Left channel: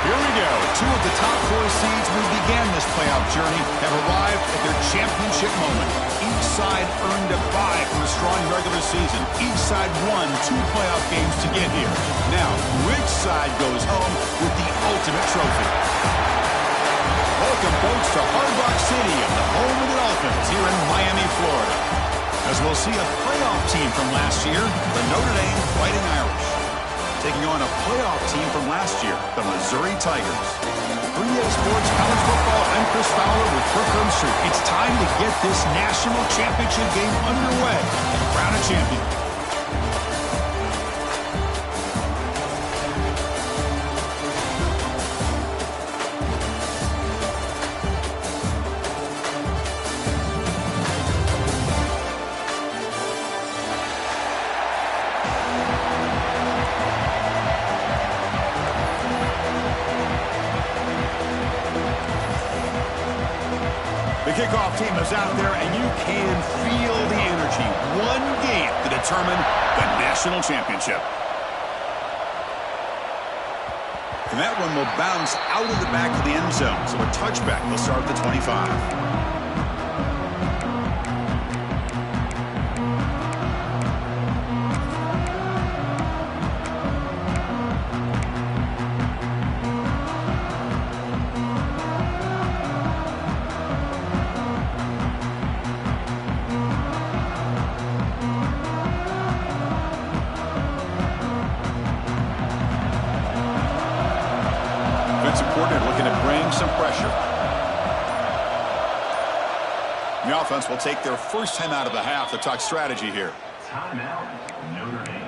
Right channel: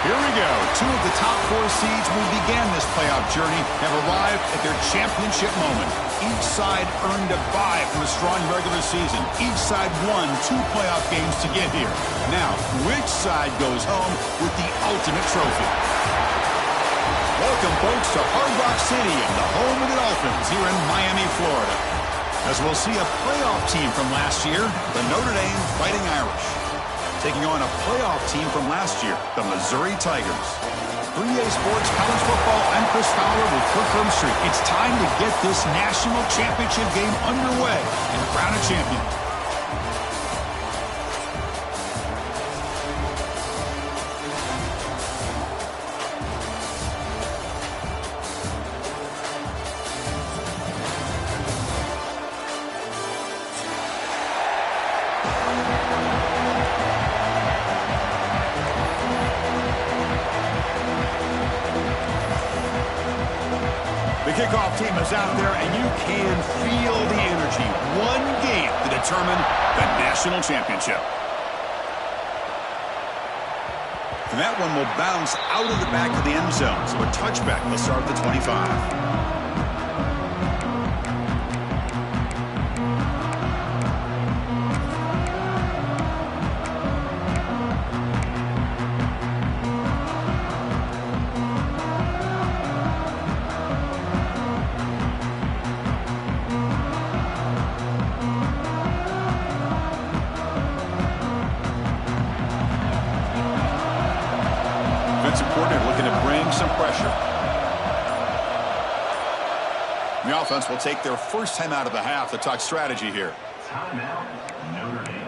Here we go. Two of the top 4 seeds who began this playoff journey have arrived at their championship moment. Each side earned a bye from a strong regular season. Each side won 2 playoff games to get here. Now, which side goes home with the ultimate trophy? Welcome, folks, to Hard Rock City and the home of the Dolphins here in Miami, Florida. As we'll see a playoff team from last year, the Notre Dame Fighting Irish, taking on a playoff team from last year, the Missouri Tigers. 3A Sports College Football, I'm Chris Fowler with Kirk Street. It's time to get this national championship game underway and crown a champion. The kickoff team is out there, and you can feel the energy. One game to determine the national championship. And that one will bounce out of the back of the end zone, so a touchback will start at the 25. Looking to bring some pressure. The offense will take their first time out of the half to talk strategy here. Timeout, Notre Dame.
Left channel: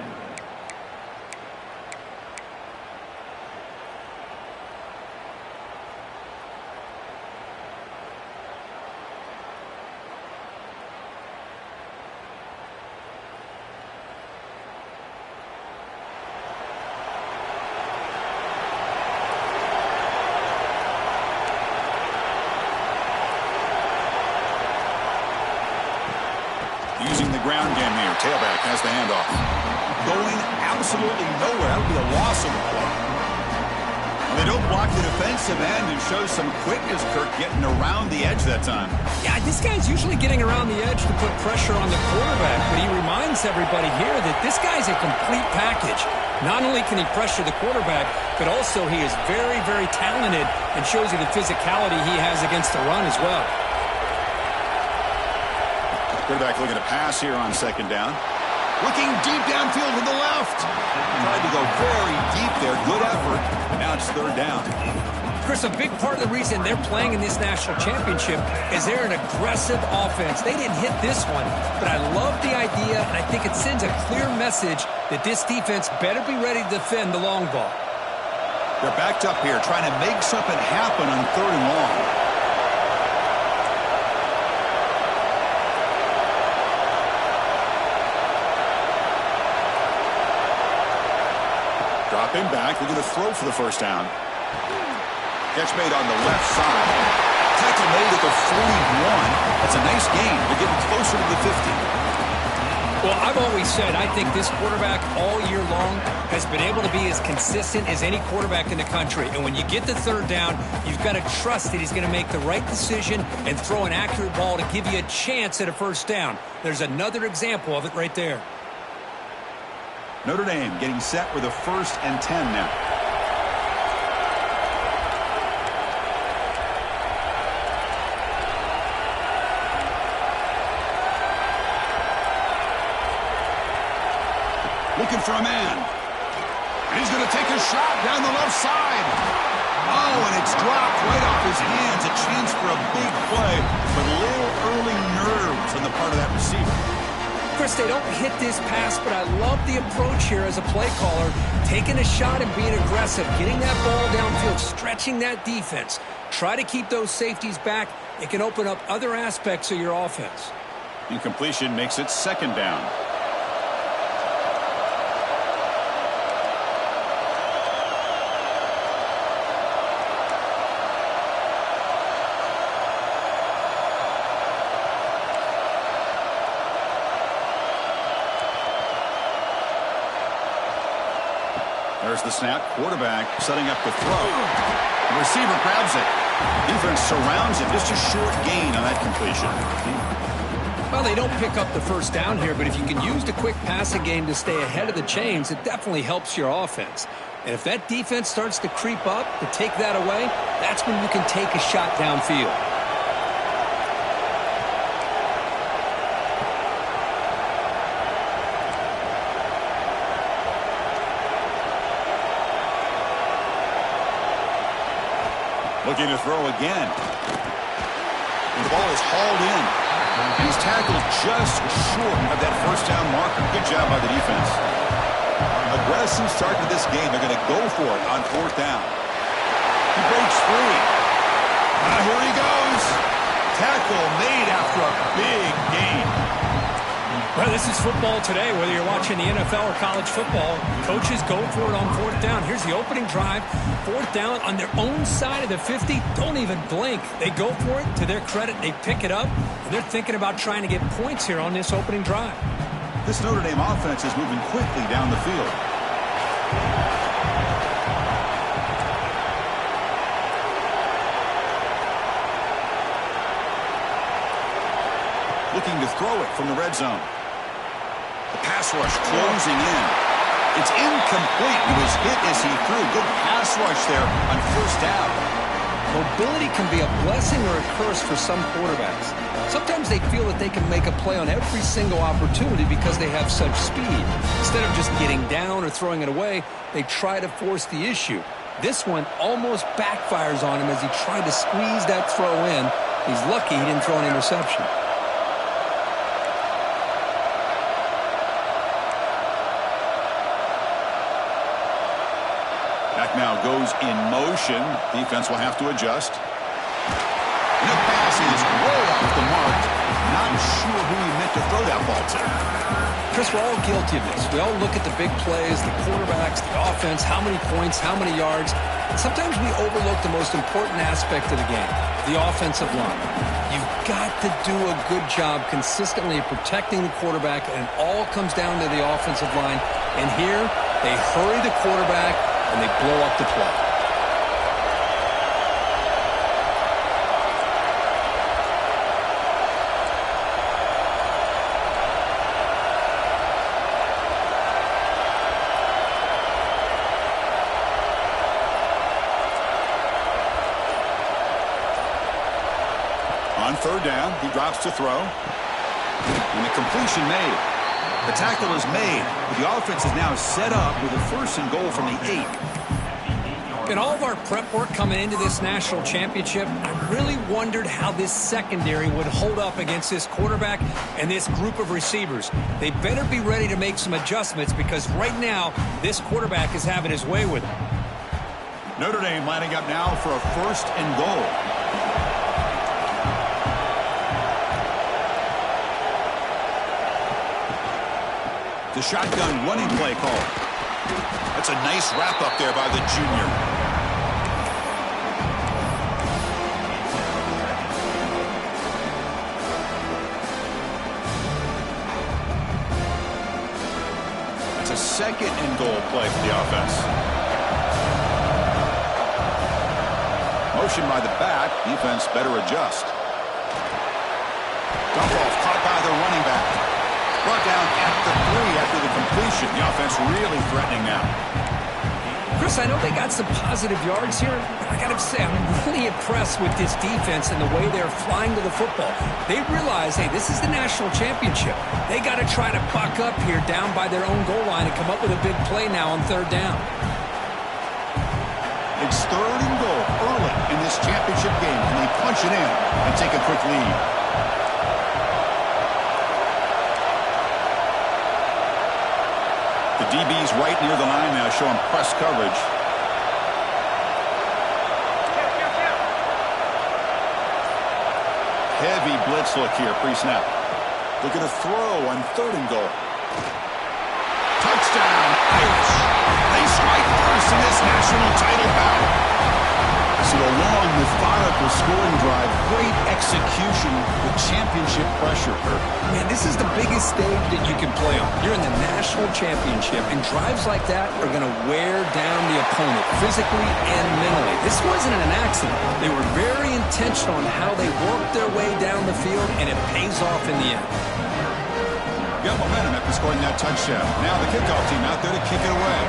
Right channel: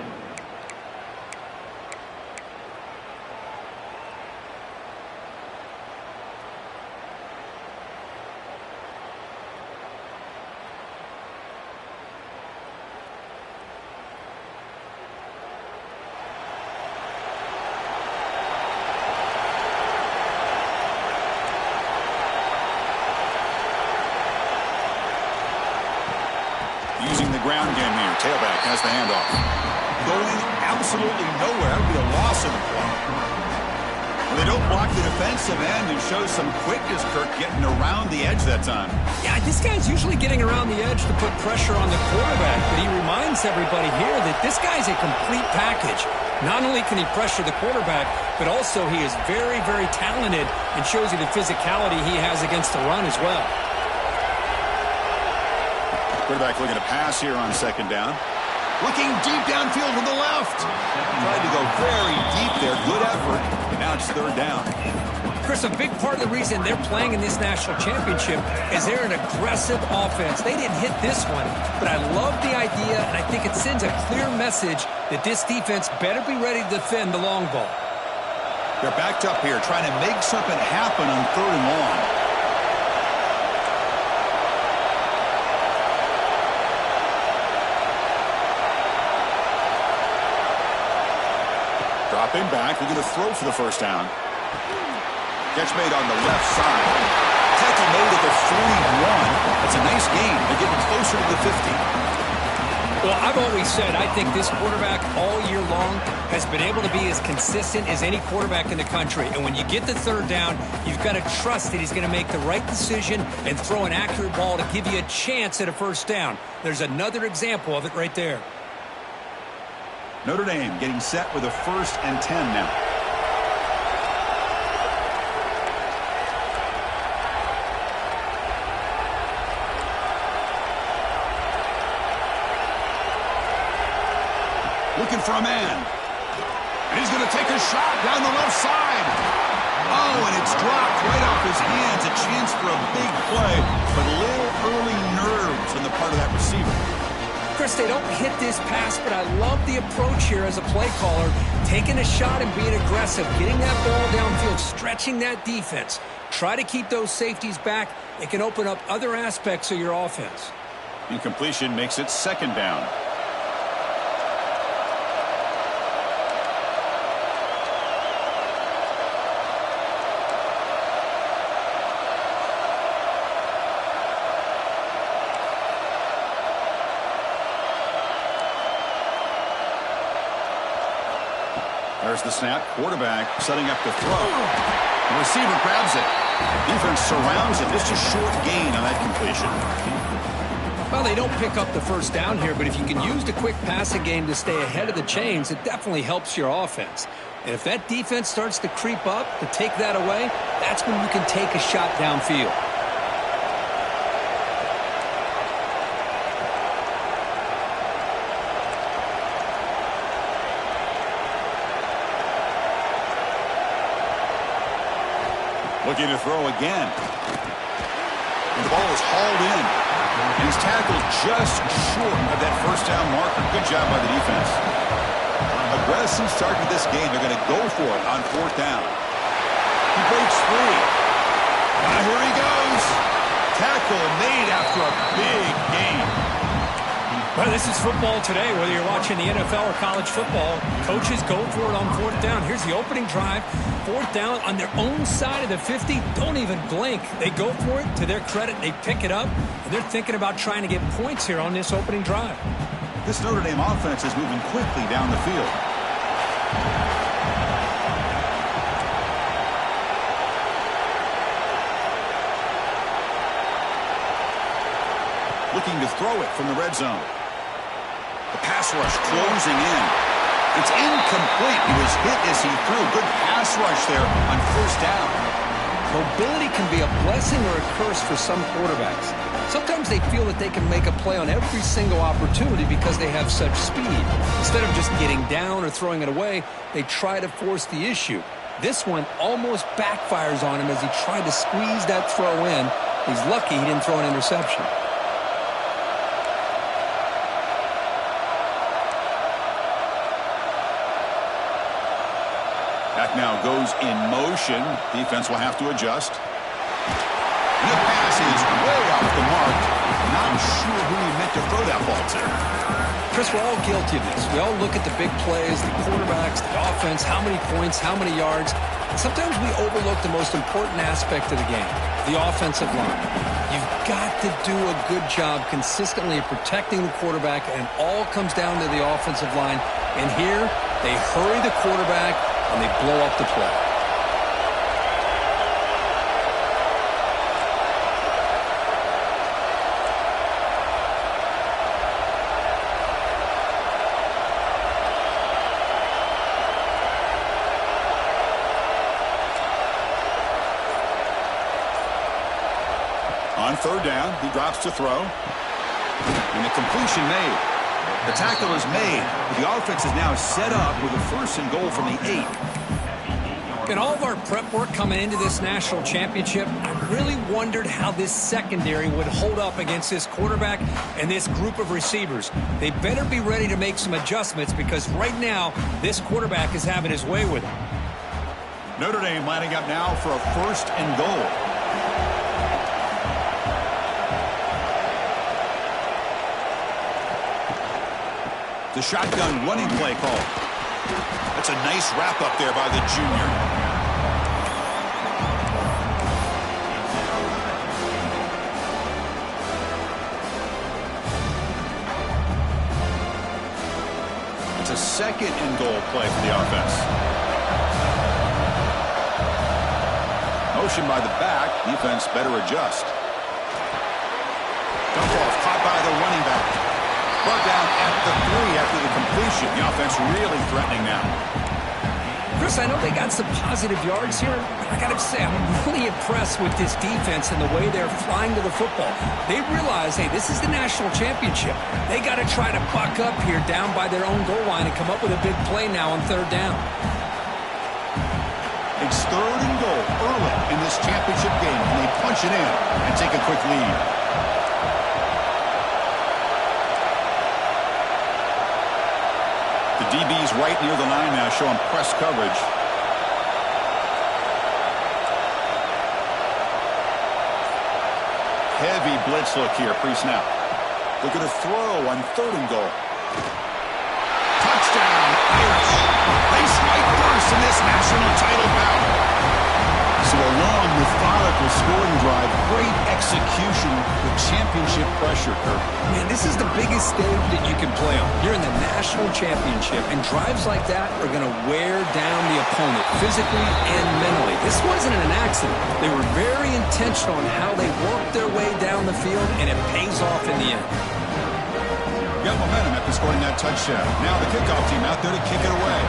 using the ground game here. Tailback has the handoff. Going absolutely nowhere. That would be a loss of the play. Well, they don't block the defensive end and show some quickness, Kirk, getting around the edge that time. Yeah, this guy's usually getting around the edge to put pressure on the quarterback, but he reminds everybody here that this guy's a complete package. Not only can he pressure the quarterback, but also he is very, very talented and shows you the physicality he has against the run as well. Quarterback looking to pass here on second down. Looking deep downfield to the left. Tried to go very deep there. Good effort. And now it's third down. Chris, a big part of the reason they're playing in this national championship is they're an aggressive offense. They didn't hit this one, but I love the idea, and I think it sends a clear message that this defense better be ready to defend the long ball. They're backed up here, trying to make something happen on third and long. Dropping back, looking to throw for the first down. Catch made on the left side. Tackle made at the 41. That's a nice gain. They're getting closer to the 50. Well, I've always said I think this quarterback all year long has been able to be as consistent as any quarterback in the country. And when you get the third down, you've got to trust that he's going to make the right decision and throw an accurate ball to give you a chance at a first down. There's another example of it right there. Notre Dame getting set with a 1st and 10 now. Looking for a man. And he's going to take a shot down the left side. Oh, and it's dropped right off his hands. A chance for a big play, but a little early nerves on the part of that receiver. Chris, they don't hit this pass, but I love the approach here as a play caller. Taking a shot and being aggressive, getting that ball downfield, stretching that defense. Try to keep those safeties back. It can open up other aspects of your offense. Incompletion makes it second down. There's the snap. Quarterback setting up the throw. The receiver grabs it. Defense surrounds it. Just a short gain on that completion. Well, they don't pick up the first down here, but if you can use the quick passing game to stay ahead of the chains, it definitely helps your offense. And if that defense starts to creep up, to take that away, that's when you can take a shot downfield. Looking to throw again. And the ball is hauled in. And he's tackled just short of that first down marker. Good job by the defense. Aggressive start to this game. They're going to go for it on 4th down. He breaks free. Here he goes. Tackle made after a big gain. Well, this is football today, whether you're watching the NFL or college football. Coaches go for it on 4th down. Here's the opening drive. 4th down on their own side of the 50. Don't even blink. They go for it. To their credit, they pick it up, and they're thinking about trying to get points here on this opening drive. This Notre Dame offense is moving quickly down the field. Looking to throw it from the red zone. The pass rush closing in. It's incomplete. He was hit as he threw. Good pass rush there on 1st down. Mobility can be a blessing or a curse for some quarterbacks. Sometimes they feel that they can make a play on every single opportunity because they have such speed. Instead of just getting down or throwing it away, they try to force the issue. This one almost backfires on him as he tried to squeeze that throw in. He's lucky he didn't throw an interception. Back now goes in motion. Defense will have to adjust. And the pass is way off the mark. Not sure who he meant to throw that ball to. Chris, we're all guilty of this. We all look at the big plays, the quarterbacks, the offense, how many points, how many yards, Sometimes we overlook the most important aspect of the game, the offensive line. You've got to do a good job consistently protecting the quarterback, and it all comes down to the offensive line. And here, they hurry the quarterback, and they blow up the play. On third down, he drops to throw. And the completion made. The tackle is made. The offense is now set up with a 1st and goal from the 8. In all of our prep work coming into this national championship, I really wondered how this secondary would hold up against this quarterback and this group of receivers. They better be ready to make some adjustments because right now, this quarterback is having his way with them. Notre Dame lining up now for a 1st and goal. The shotgun running play call. That's a nice wrap up there by the junior. It's a 2nd and goal play for the offense. Motion by the back. Defense better adjust. Dump off caught by the running back. Brought down at the 3 after the completion. The offense really threatening now. Chris, I know they got some positive yards here, but I got to say, I'm really impressed with this defense and the way they're flying to the football. They realize, hey, this is the national championship. They got to try to buck up here down by their own goal line and come up with a big play now on 3rd down. It's 3rd and goal early in this championship game. Can they punch it in and take a quick lead? The DB's right near the line now, showing press coverage. Heavy blitz look here, pre-snap. Look at a throw on 3rd and goal. Touchdown, Irish. They strike first in this national title bout. So a long, methodical scoring drive, great execution with championship pressure, Kirk. Man, this is the biggest stage that you can play on. You're in the national championship, and drives like that are going to wear down the opponent physically and mentally. This wasn't an accident. They were very intentional on how they worked their way down the field, and it pays off in the end. Got momentum after scoring that touchdown. Now the kickoff team out there to kick it away.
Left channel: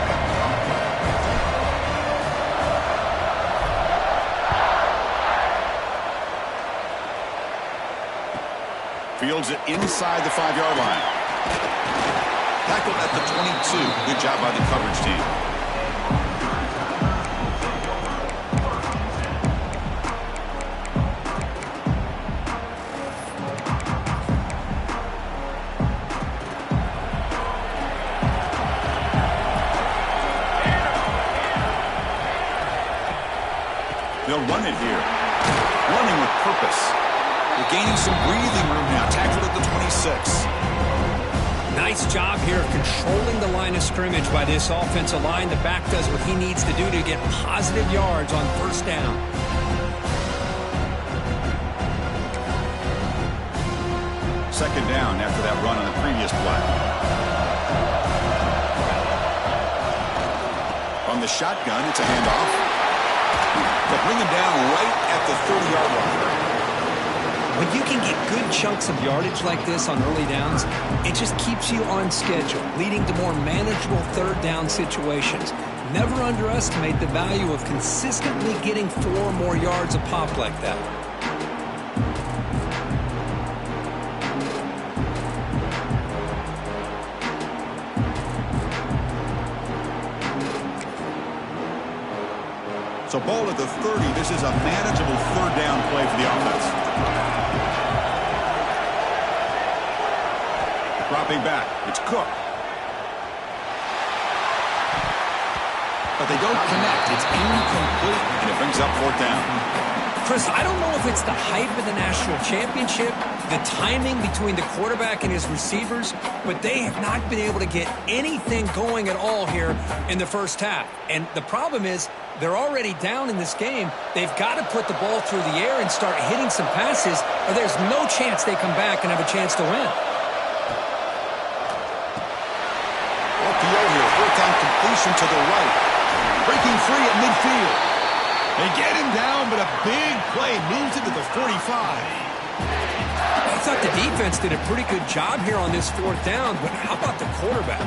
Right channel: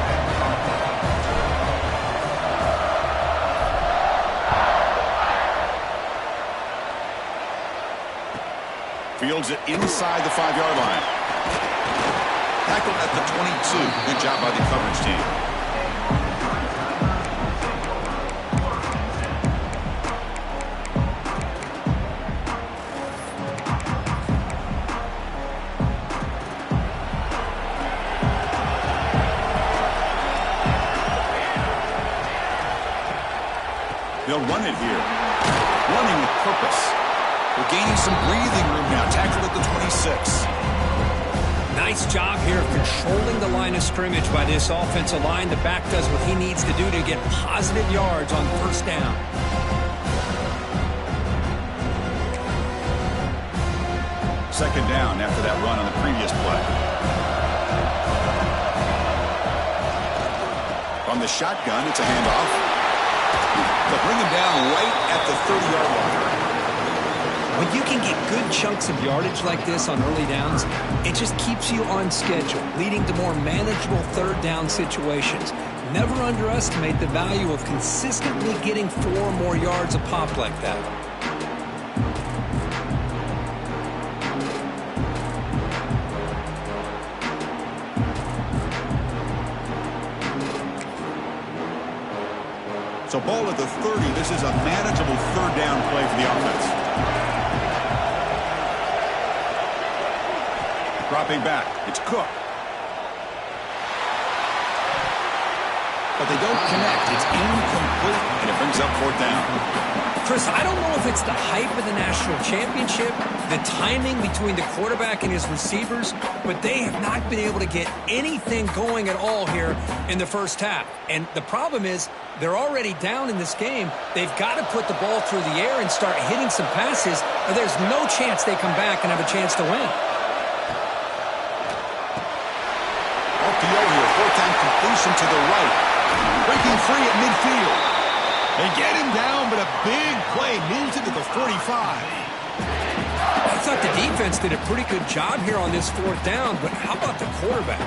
Fields it inside the 5-yard line. Tackled at the 22. Good job by the coverage team. They'll run it here. Running with purpose. They're gaining some breathing room now. Tackled at the 26. Nice job here of controlling the line of scrimmage by this offensive line. The back does what he needs to do to get positive yards on 1st down. Second down after that run on the previous play. From the shotgun, it's a handoff. They'll bring him down right at the 30-yard line. When you can get good chunks of yardage like this on early downs, it just keeps you on schedule, leading to more manageable 3rd down situations. Never underestimate the value of consistently getting 4 or more yards a pop like that. So ball at the 30. This is a manageable 3rd down play for the offense. Dropping back. It's Cook. But they don't connect. It's incomplete, and it brings up 4th down. Chris, I don't know if it's the hype of the national championship, the timing between the quarterback and his receivers, but they have not been able to get anything going at all here in the 1st half. And the problem is They're already down in this game. They've got to put the ball through the air and start hitting some passes, or there's no chance they come back and have a chance to win. RPO here, fourth-down completion to the right. Breaking free at midfield. They get him down, but a big play moves it to the 45. I thought the defense did a pretty good job here on this fourth down, but how about the quarterback?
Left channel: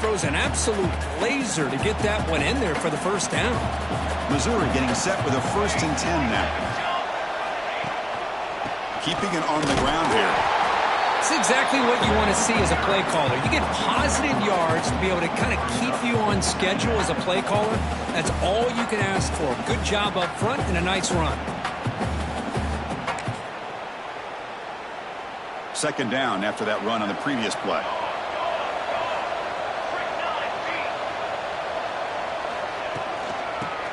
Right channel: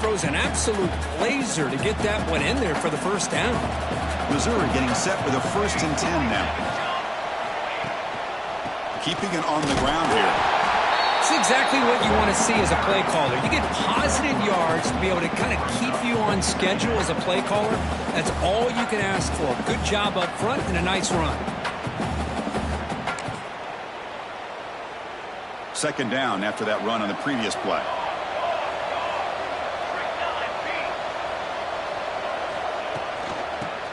Throws an absolute laser to get that one in there for the first down. Missouri getting set with a 1st and 10 now. Keeping it on the ground here. It's exactly what you want to see as a play caller. You get positive yards to be able to kind of keep you on schedule as a play caller. That's all you can ask for. Good job up front and a nice run. 2nd down after that run on the previous play.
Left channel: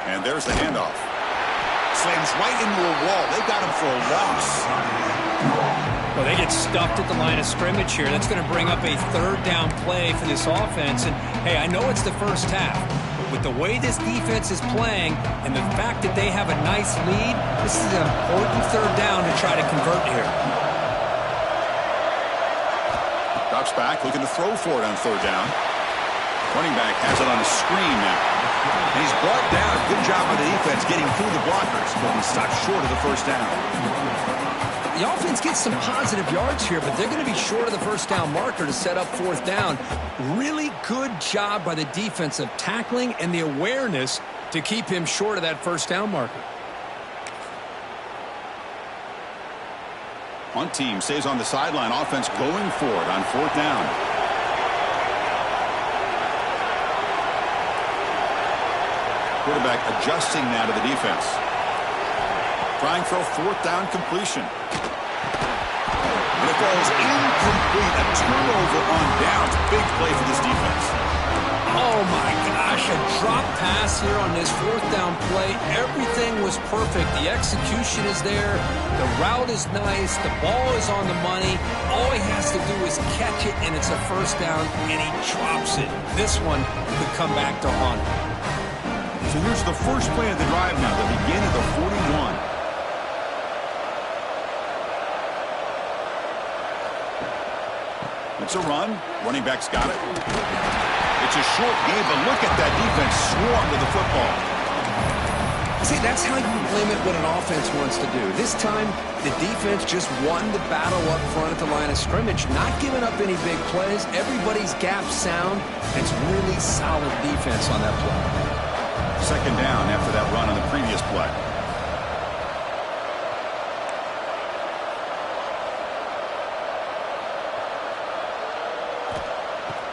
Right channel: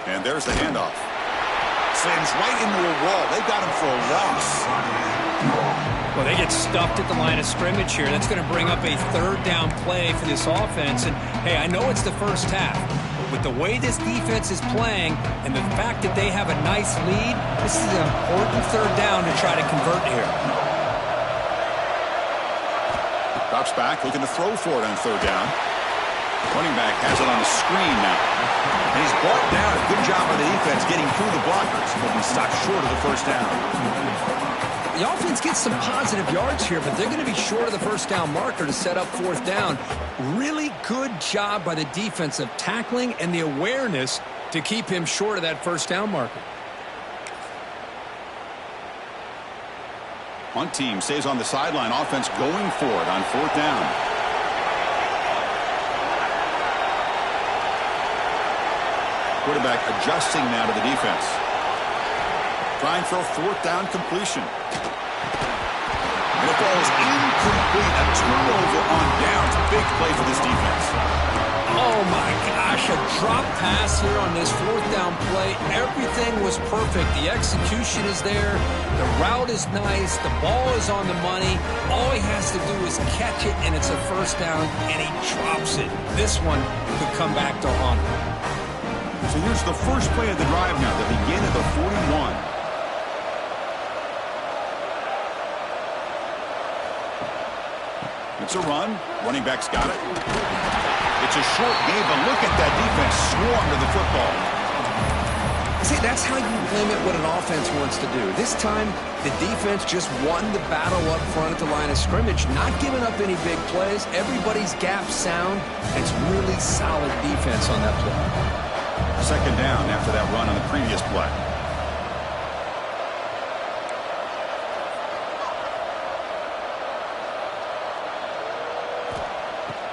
And there's the handoff. Slams right into a wall. They got him for a loss. Well, they get stuffed at the line of scrimmage here. That's going to bring up a 3rd down play for this offense. And, hey, I know it's the first half, but with the way this defense is playing and the fact that they have a nice lead, this is an important 3rd down to try to convert here. Drops back, looking to throw for it on 3rd down. Running back has it on the screen now. And he's brought down. Good job by the defense getting through the blockers, but he stopped short of the 1st down. The offense gets some positive yards here, but they're going to be short of the 1st down marker to set up 4th down. Really good job by the defense of tackling and the awareness to keep him short of that 1st down marker. Punt team stays on the sideline. Offense going for it on 4th down. Quarterback adjusting now to the defense. Trying for a 4th down completion. And it falls incomplete. A turnover on downs. Big play for this defense. Oh, my gosh. A drop pass here on this 4th down play. Everything was perfect. The execution is there. The route is nice. The ball is on the money. All he has to do is catch it, and it's a 1st down, and he drops it. This one could come back to haunt him. So here's the first play of the drive now. They begin at the 41. It's a run. Running back's got it. It's a short game, but look at that defense swarm to the football. See, that's how you limit what an offense wants to do. This time, the defense just won the battle up front at the line of scrimmage, not giving up any big plays. Everybody's gap sound. It's really solid defense on that play. 2nd down after that run on the previous play.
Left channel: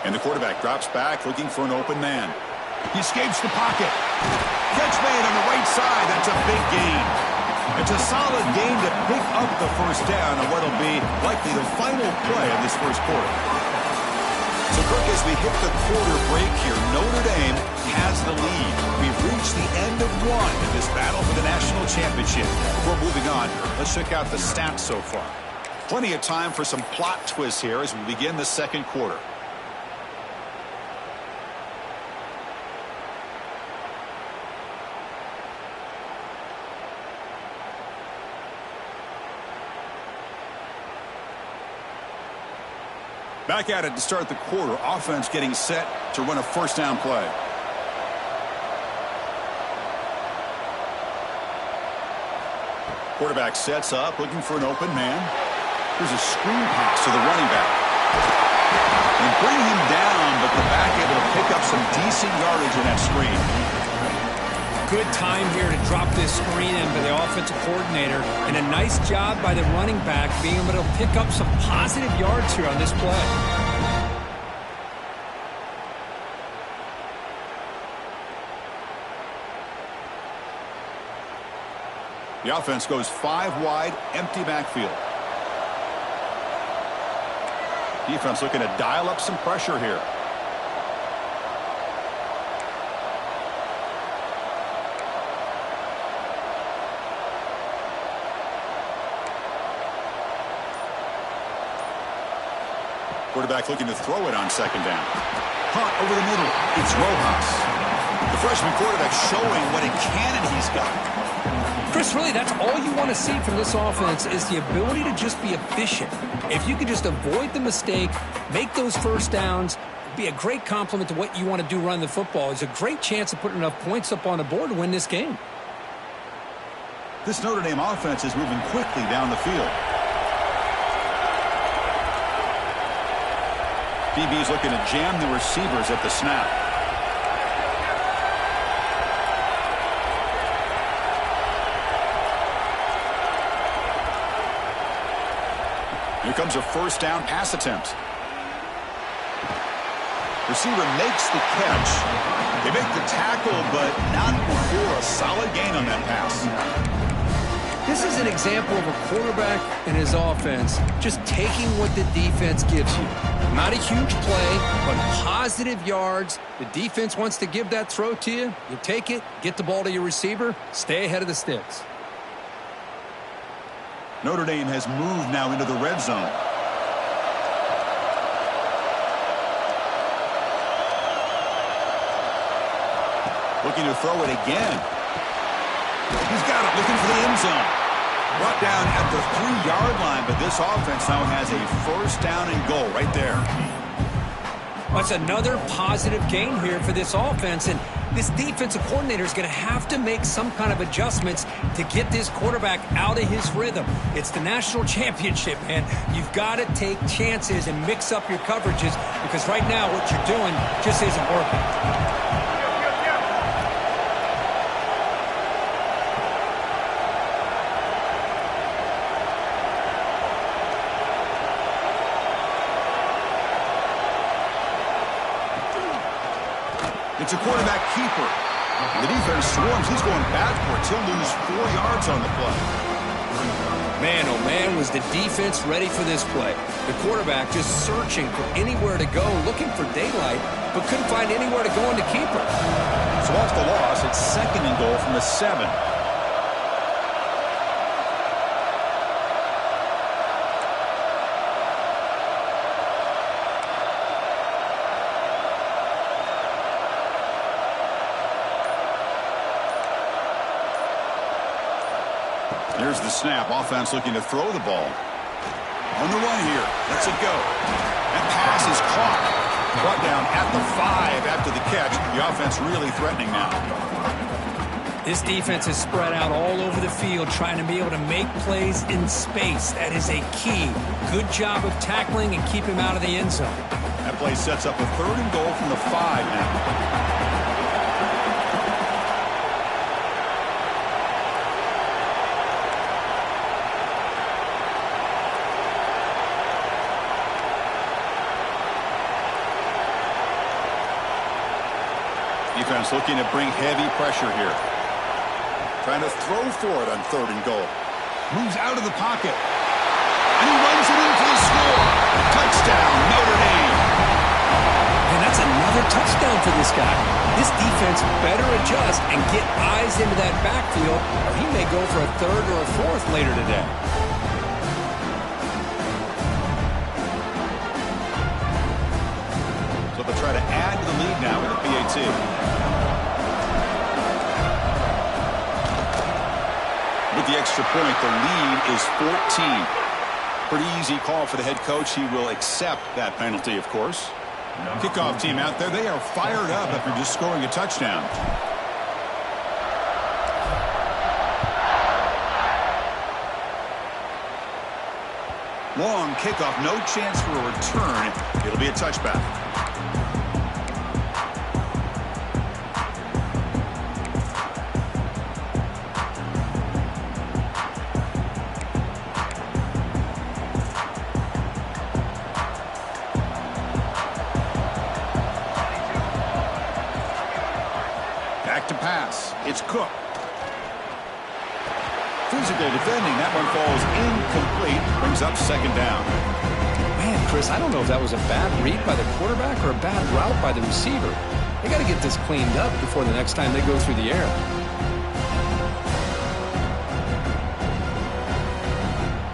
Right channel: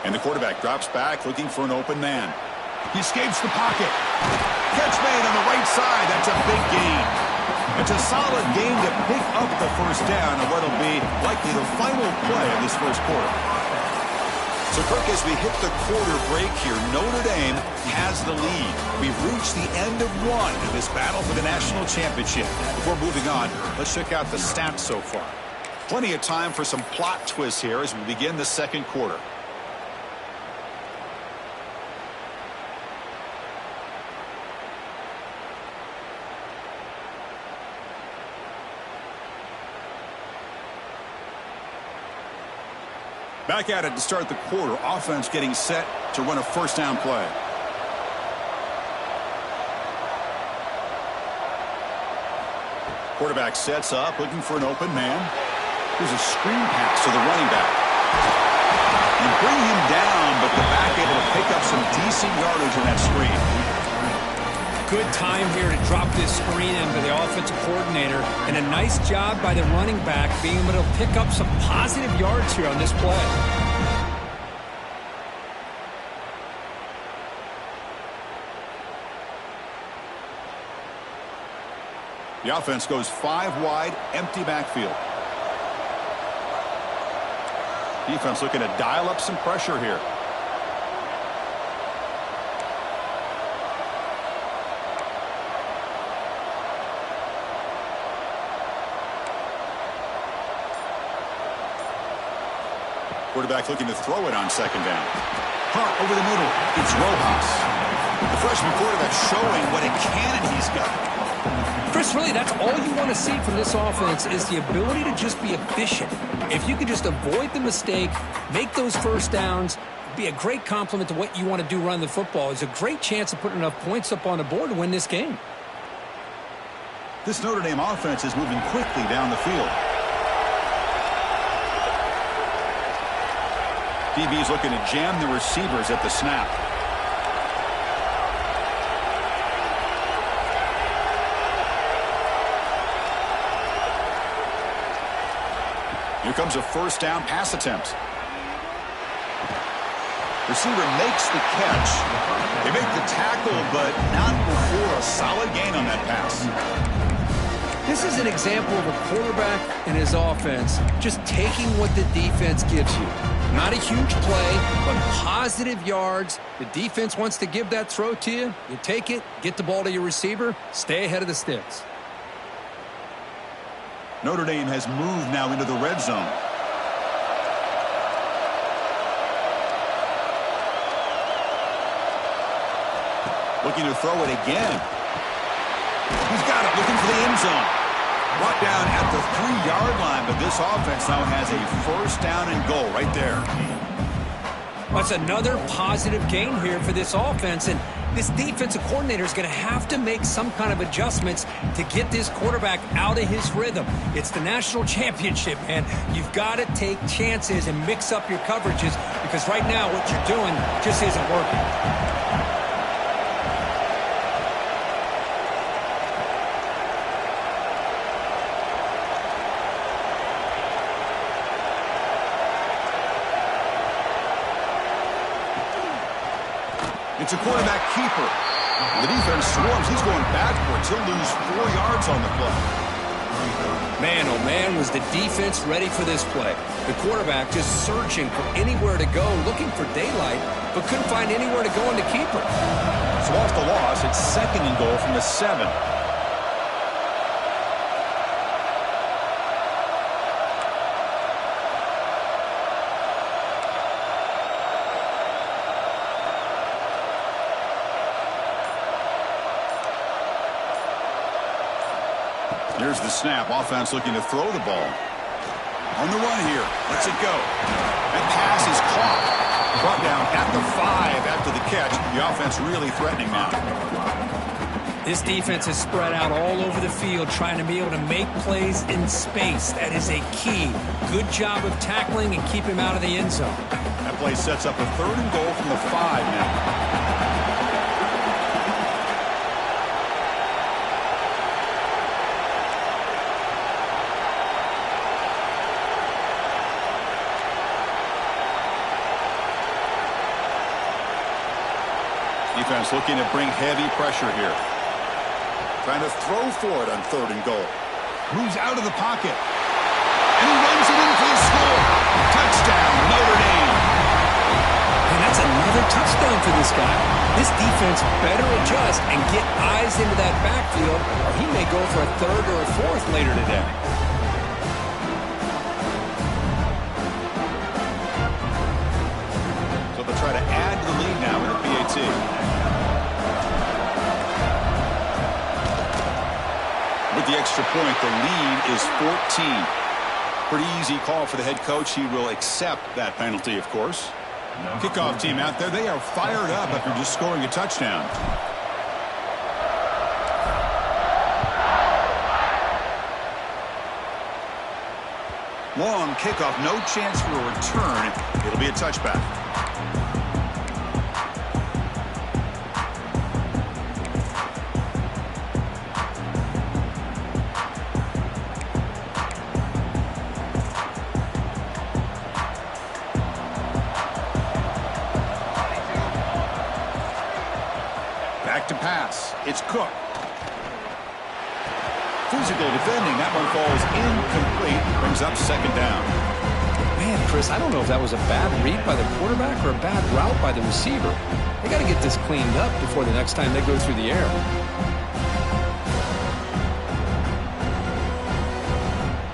And the quarterback drops back looking for an open man. He escapes the pocket. Catch made on the right side. That's a big gain. It's a solid gain to pick up the 1st down on what will be likely the final play of this 1st quarter. So, Kirk, as we hit the quarter break here, Notre Dame has the lead. We've reached the end of one in this battle for the national championship. Before moving on, let's check out the stats so far. Plenty of time for some plot twists here as we begin the 2nd quarter. Back at it to start the quarter. Offense getting set to run a 1st down play. Quarterback sets up, looking for an open man. Here's a screen pass to the running back. And bring him down, but the back able to pick up some decent yardage on that screen. Good time here to drop this screen in by the offensive coordinator, and a nice job by the running back being able to pick up some positive yards here on this play. The offense goes 5 wide, empty backfield. Defense looking to dial up some pressure here. Quarterback looking to throw it on 2nd down. Hunt over the middle. It's Rojas. The freshman quarterback showing what a cannon he's got. Chris, really, that's all you want to see from this offense is the ability to just be efficient. If you can just avoid the mistake, make those first downs, be a great compliment to what you want to do running the football. It's a great chance of putting enough points up on the board to win this game. This Notre Dame offense is moving quickly down the field. DB is looking to jam the receivers at the snap. Here comes a first down pass attempt. Receiver makes the catch. They make the tackle, but not before a solid gain on that pass. This is an example of a quarterback and his offense just taking what the defense gives you. Not a huge play, but positive yards. The defense wants to give that throw to you. You take it, get the ball to your receiver, stay ahead of the sticks. Notre Dame has moved now into the red zone. Looking to throw it again. He's got it, looking for the end zone. Brought down at the 3-yard line, but this offense now has a first down and goal right there. That's another positive gain here for this offense, and this defensive coordinator is going to have to make some kind of adjustments to get this quarterback out of his rhythm. It's the national championship, man. You've got to take chances and mix up your coverages because right now what you're doing just isn't working. It's a quarterback keeper. The defense swarms. He's going backwards. He'll lose 4 yards on the play. Man, oh man, was the defense ready for this play. The quarterback just searching for anywhere to go, looking for daylight, but couldn't find anywhere to go in the keeper. So off the loss, it's second and goal from the 7. Here's the snap. Offense looking to throw the ball. On the run here. Lets it go. That pass is caught. Brought down at the 5 after the catch. The offense really threatening now. This defense is spread out all over the field trying to be able to make plays in space. That is a key. Good job of tackling and keep him out of the end zone. That play sets up a third and goal from the 5 now. Defense looking to bring heavy pressure here. Trying to throw for it on third and goal. Moves out of the pocket. And he runs it in for the score. Touchdown, Notre Dame. And that's another touchdown for this guy. This defense better adjust and get eyes into that backfield, or he may go for a third or a fourth later today. So they'll try to add to the lead now with a PAT. With the extra point, the lead is 14. Pretty easy call for the head coach. He will accept that penalty, of course. Kickoff team out there. They are fired up after just scoring a touchdown. Long kickoff. No chance for a return. It'll be a touchback. Back to pass. It's Cook. Physical defending. That one falls incomplete. Brings up second down. Man, Chris, I don't know if that was a bad read by the quarterback or a bad route by the receiver. They got to get this cleaned up before the next time they go through the air.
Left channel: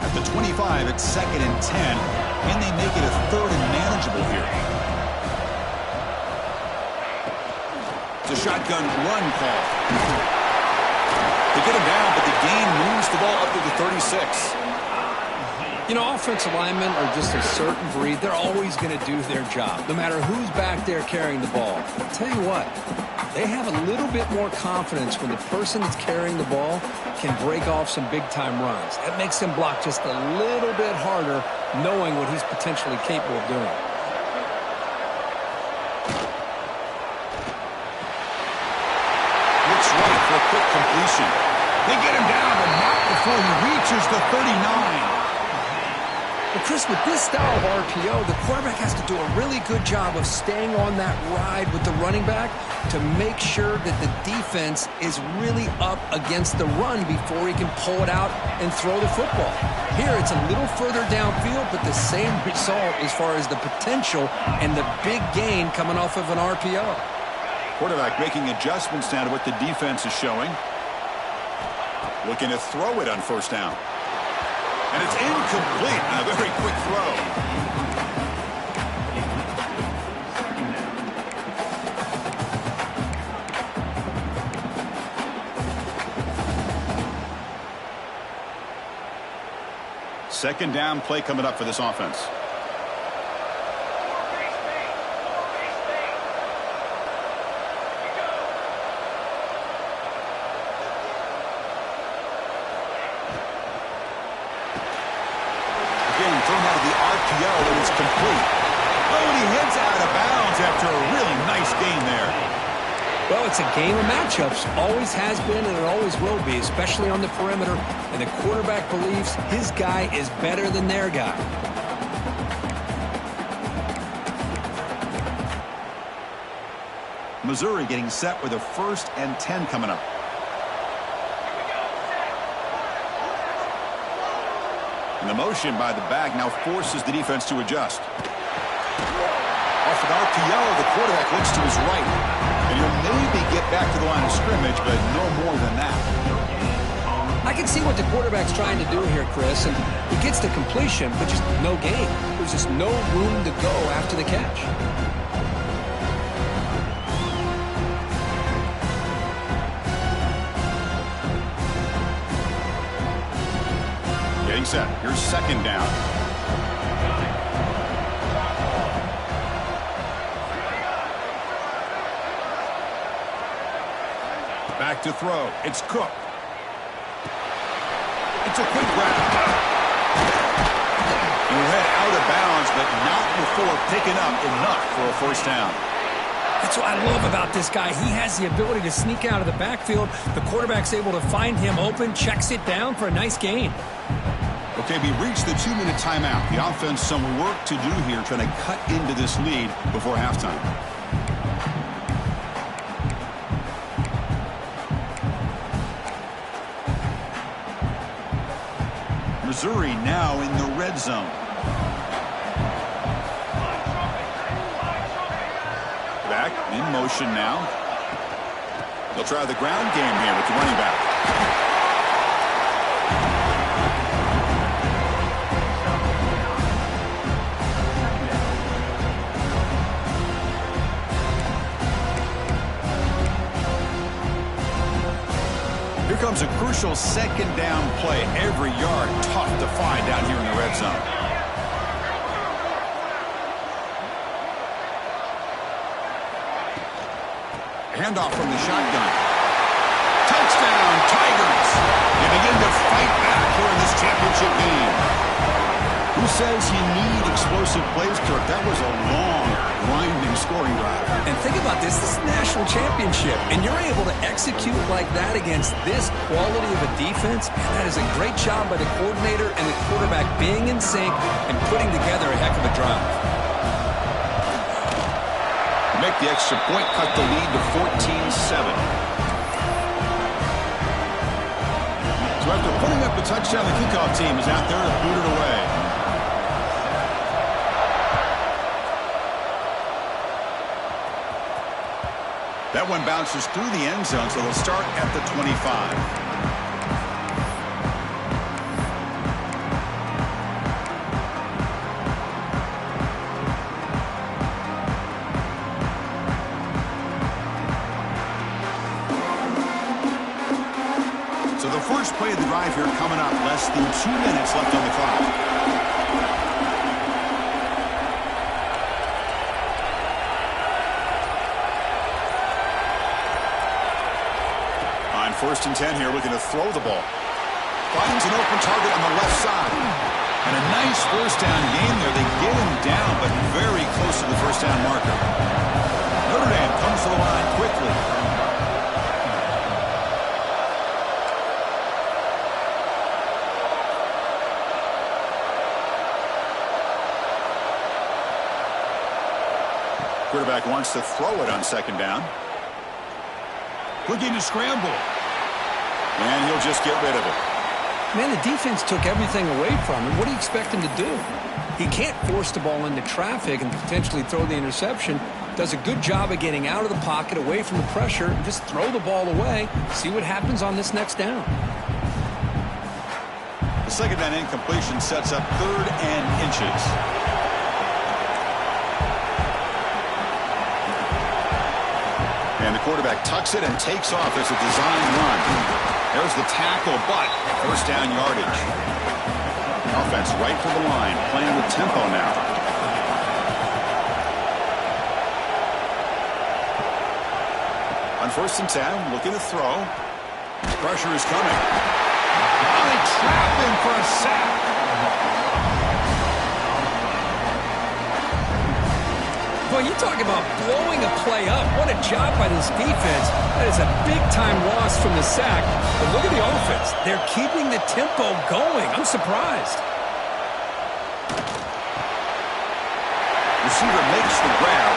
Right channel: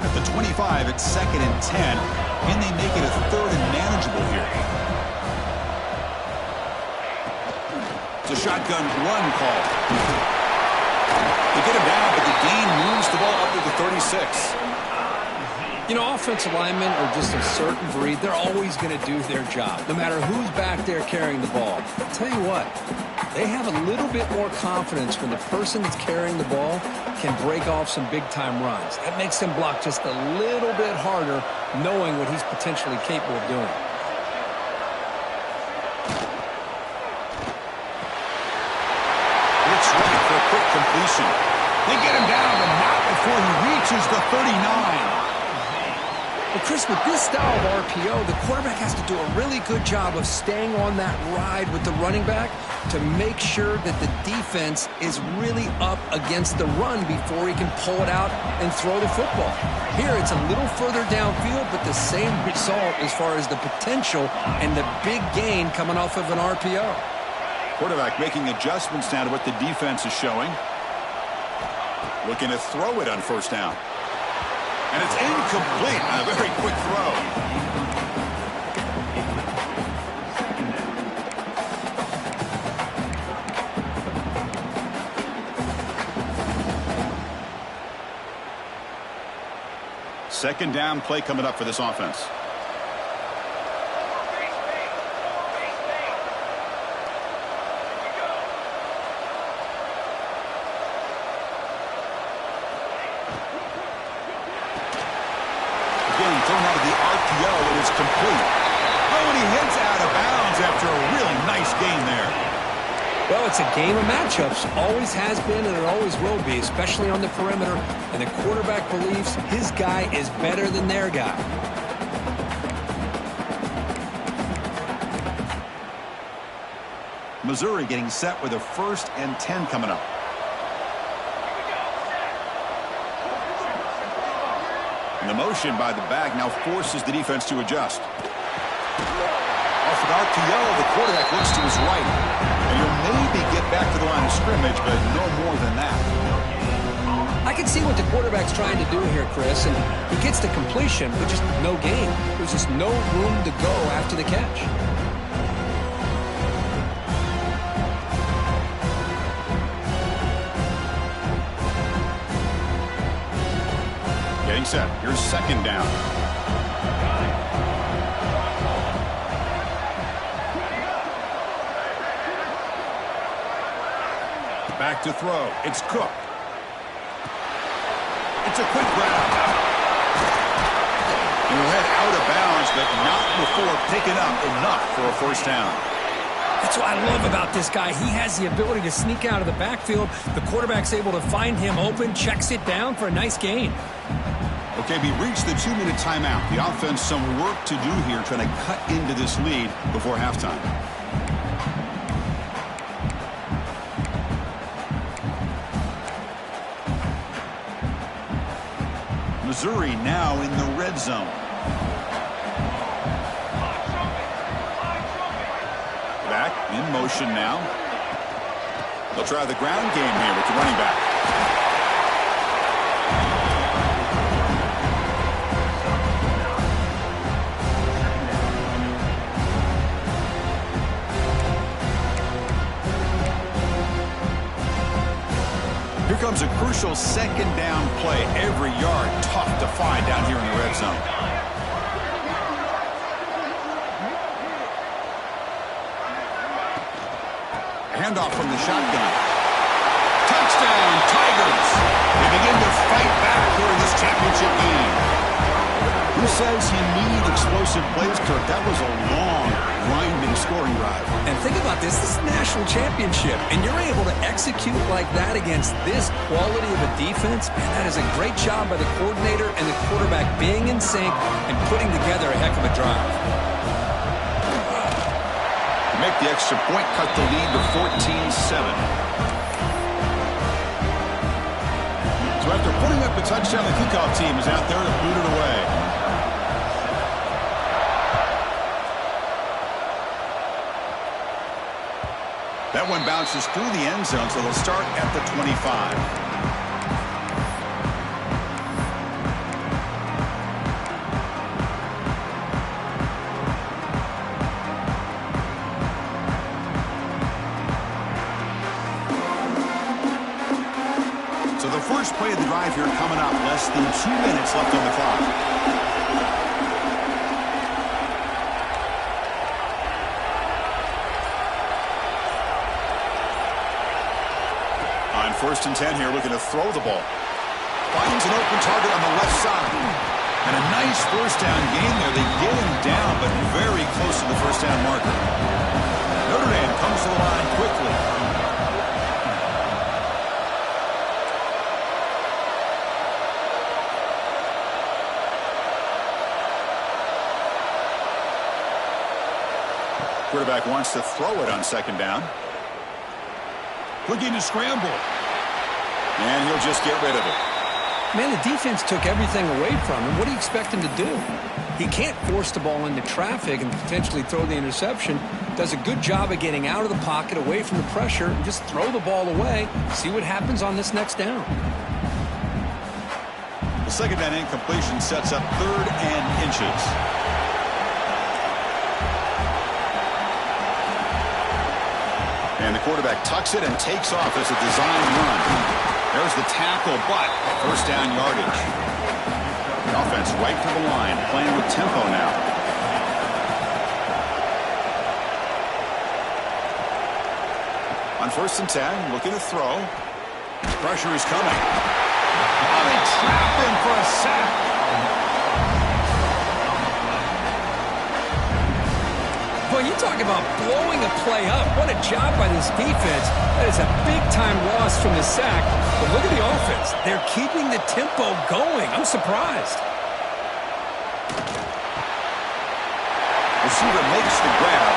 At the 25, it's second and 10. And they make it a third and manageable here. To shotgun run call. They get him down, but the gain moves the ball up to the 36. You know, offensive linemen are just a certain breed. They're always going to do their job, no matter who's back there carrying the ball. I'll tell you what, they have a little bit more confidence when the person that's carrying the ball can break off some big-time runs. That makes them block just a little bit harder, knowing what he's potentially capable of doing. It's right for a quick completion. They get him down, but not before he reaches the 39. Well, Chris, with this style of RPO, the quarterback has to do a really good job of staying on that ride with the running back to make sure that the defense is really up against the run before he can pull it out and throw the football. Here, it's a little further downfield, but the same result as far as the potential and the big gain coming off of an RPO. Quarterback making adjustments now to what the defense is showing. Looking to throw it on first down. And it's incomplete. A very quick throw. Second down play coming up for this offense. Again, thrown out of the RPO, and it's complete. Oh, and he heads out of bounds after a really nice gain there. Well, it's a game of matchups. Always has been, and it always will be, especially on the perimeter. And the quarterback believes his guy is better than their guy. Missouri getting set with a 1st and 10 coming up. And the motion by the back now forces the defense to adjust. Off an RPO, the quarterback looks to his right. And he'll maybe get back to the line of scrimmage, but no more than that. I can see what the quarterback's trying to do here, Chris, and he gets to completion, but just no gain. There's just no room to go after the catch. Getting set. Here's second down. Back to throw. It's Cook. It's a quick grab. He'll head out of bounds, but not before picking up enough for a first down. That's what I love about this guy. He has the ability to sneak out of the backfield. The quarterback's able to find him open, checks it down for a nice gain. Okay, we reached the 2-minute timeout. The offense, some work to do here, trying to cut into this lead before halftime. Missouri now in the red zone. Back in motion now. They'll try the ground game here with the running back. Here comes a crucial second down play. Every yard tough to find down here in the red zone. Handoff from the shotgun. Touchdown, Tigers. They begin to fight back here in this championship game. Who says you need explosive plays, Kirk? That was a long, grinding scoring drive. And think about this. This is a national championship, and you're able to execute like that against this quality of a defense. Man, that is a great job by the coordinator and the quarterback being in sync and putting together a heck of a drive. Make the extra point, cut the lead to 14-7. So after putting up the touchdown, the kickoff team is out there to boot it away. That one bounces through the end zone, so they'll start at the 25. play of the drive here coming up. Less than 2 minutes left on the clock. On 1st and 10 here, looking to throw the ball. Finds an open target on the left side. And a nice first down gain there. They get him down, but very close to the first down marker. Notre Dame comes to the line quickly. Quarterback wants to throw it on 2nd down. Looking to scramble. And he'll just get rid of it. Man, the defense took everything away from him. What do you expect him to do? He can't force the ball into traffic and potentially throw the interception. Does a good job of getting out of the pocket, away from the pressure, and just throw the ball away. See what happens on this next down. The 2nd down incompletion sets up 3rd and inches. And the quarterback tucks it and takes off as a design run. There's the tackle, but first down yardage. The offense right to the line, playing with tempo now. On 1st and 10, looking to throw. Pressure is coming. Oh, they trap him for a sack. Boy, you talk about blowing a play up. What a job by this defense. That is a big-time loss from the sack. But look at the offense. They're keeping the tempo going. I'm surprised. Receiver makes the grab.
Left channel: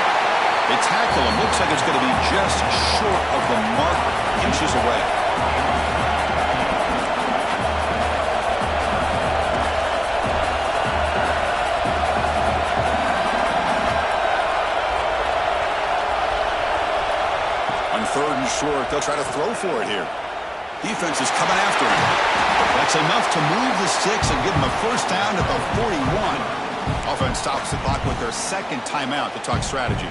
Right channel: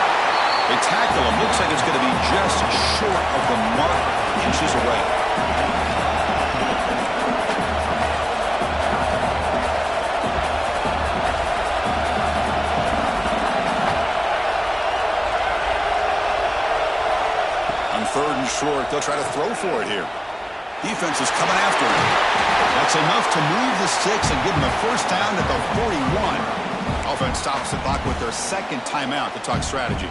They tackle him. Looks like it's going to be just short of the marker, inches away. On 3rd and short, they'll try to throw for it here. Defense is coming after him. That's enough to move the sticks and give him a first down at the 41. Offense stops the clock with their 2nd timeout to talk strategy.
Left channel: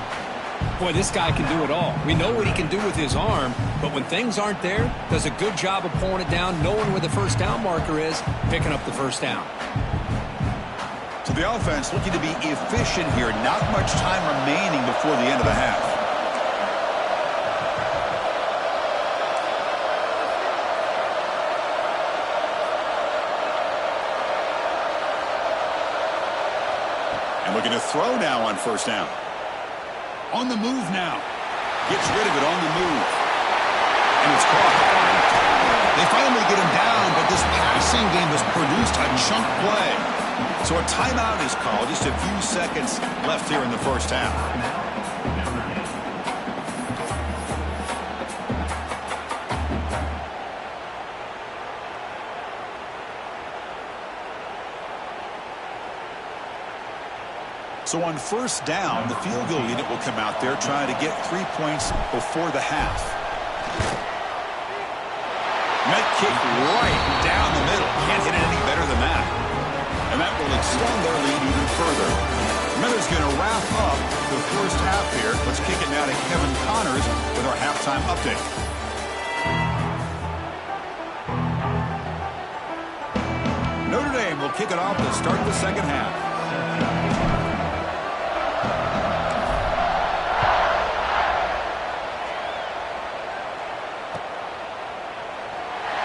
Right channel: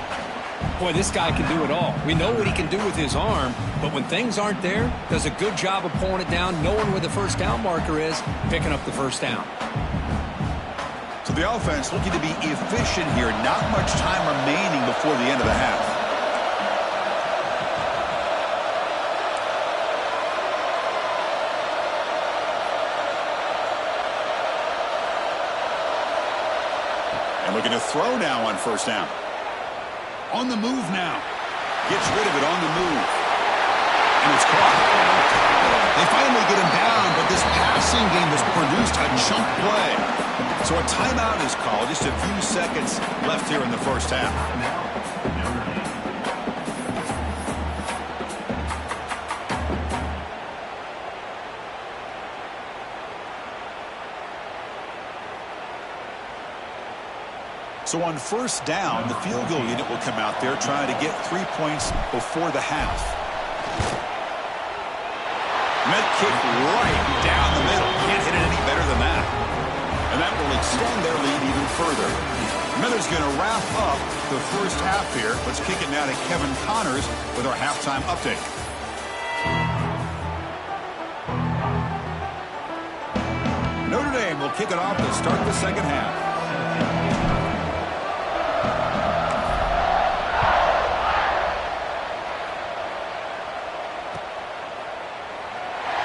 Boy, this guy can do it all. We know what he can do with his arm, but when things aren't there, does a good job of pulling it down, knowing where the first down marker is, picking up the first down. So the offense looking to be efficient here. Not much time remaining before the end of the half. And looking to throw now on 1st down. On the move now. Gets rid of it on the move. And it's caught. They finally get him down, but this passing game has produced a chunk play. So a timeout is called. Just a few seconds left here in the first half. So on 1st down, the field goal unit will come out there trying to get 3 points before the half. Net kick right down the middle. Can't hit it any better than that. And that will extend their lead even further. Miller's going to wrap up the first half here. Let's kick it now to Kevin Connors with our halftime update. Notre Dame will kick it off to start the 2nd half.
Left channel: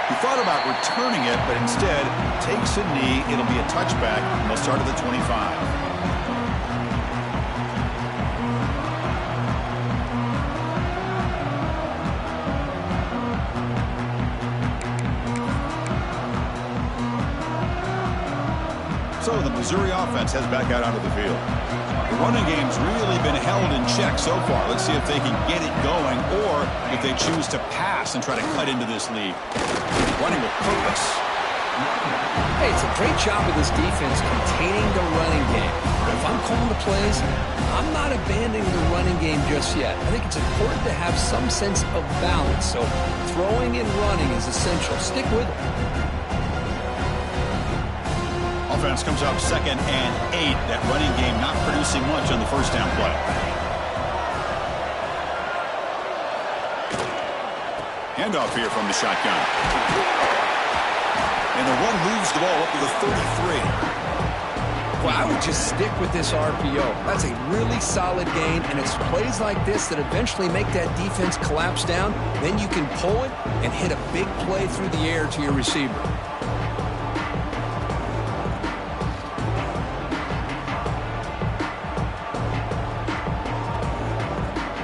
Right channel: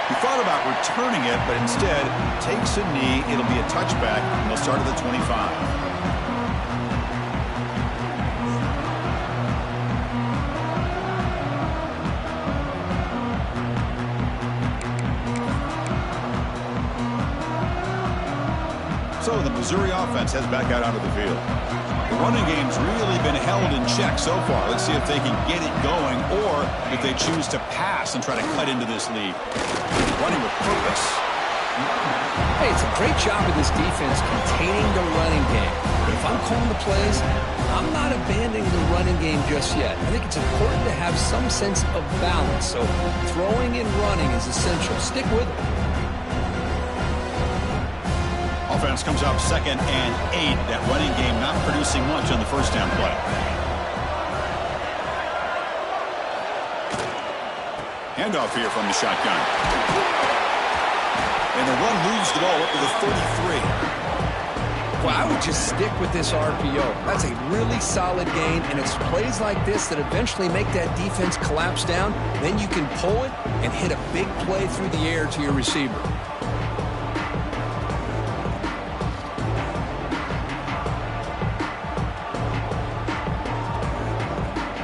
He thought about returning it, but instead takes a knee. It'll be a touchback, and they'll start at the 25. So the Missouri offense heads back out onto the field. The running game's really been held in check so far. Let's see if they can get it going or if they choose to pass and try to cut into this lead. Running with purpose. Hey, it's a great job of this defense containing the running game. But if I'm calling the plays, I'm not abandoning the running game just yet. I think it's important to have some sense of balance. So throwing and running is essential. Stick with it. Offense comes up 2nd and 8. That running game not producing much on the first down play. Handoff here from the shotgun. And the run moves the ball up to the 33. Well, I would just stick with this RPO. That's a really solid gain, and it's plays like this that eventually make that defense collapse down. Then you can pull it and hit a big play through the air to your receiver.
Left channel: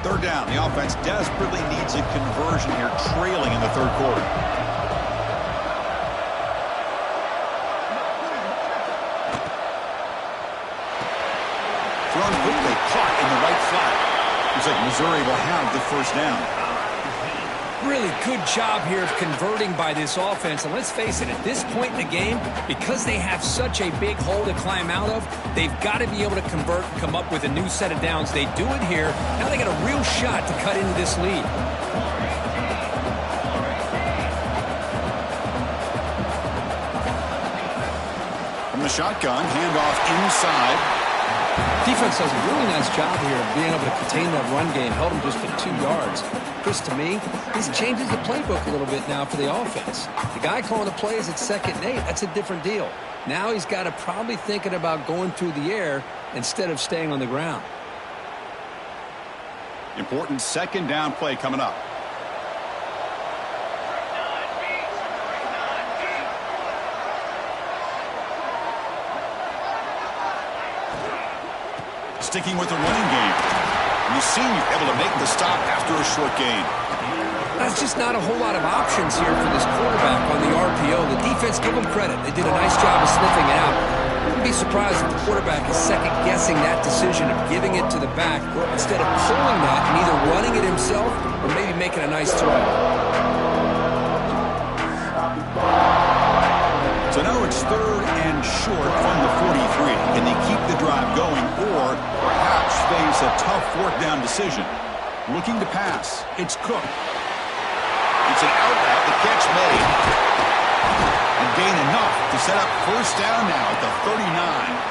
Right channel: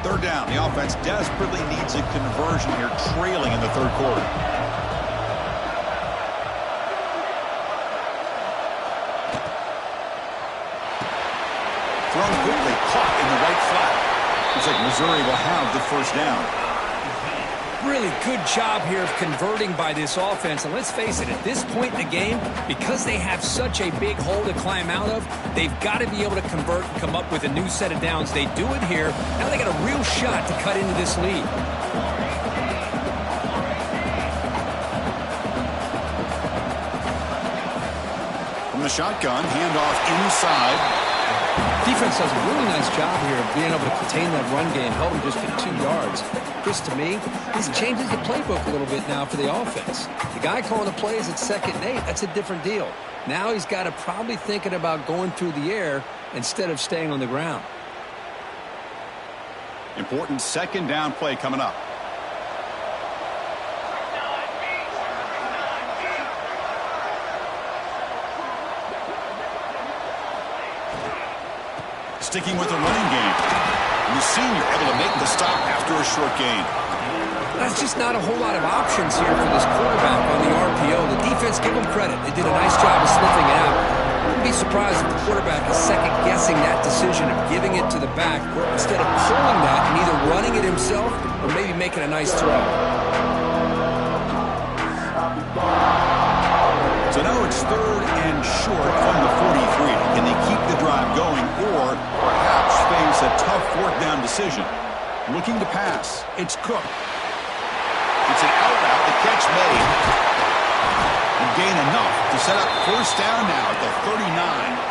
Third down. The offense desperately needs a conversion here, trailing in the third quarter. Thrown quickly, caught in the right flat. Looks like Missouri will have the first down. Really good job here of converting by this offense. And let's face it, at this point in the game, because they have such a big hole to climb out of, they've got to be able to convert and come up with a new set of downs. They do it here. Now they got a real shot to cut into this lead. From the shotgun, handoff inside. Defense does a really nice job here of being able to contain that run game, held them just at 2 yards. Chris, to me, this changes the playbook a little bit now for the offense. The guy calling the plays at 2nd and 8, that's a different deal. Now he's got to probably thinking about going through the air instead of staying on the ground. Important second down play coming up. Sticking with the running game. And the senior able to make the stop after a short gain. That's just not a whole lot of options here for this quarterback on the RPO. The defense, give them credit. They did a nice job of sniffing it out. I wouldn't be surprised if the quarterback is second-guessing that decision of giving it to the back instead of pulling that and either running it himself or maybe making a nice throw. So now it's 3rd and short from the 43. Can they keep the drive going or perhaps face a tough 4th down decision? Looking to pass. It's Cook. It's an out route. The catch made. And gain enough to set up first down now at the 39.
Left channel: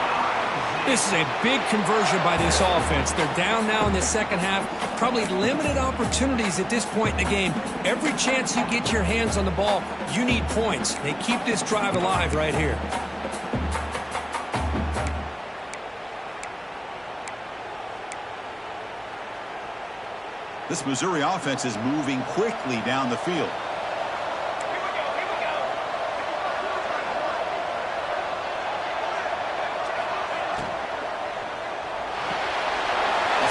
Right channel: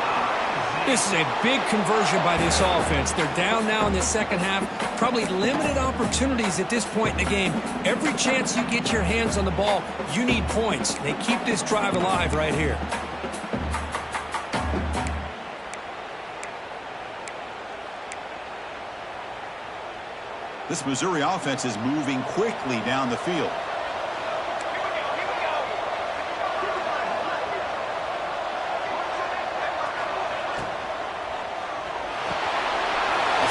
This is a big conversion by this offense. They're down now in the second half. Probably limited opportunities at this point in the game. Every chance you get your hands on the ball, you need points. They keep this drive alive right here. This Missouri offense is moving quickly down the field.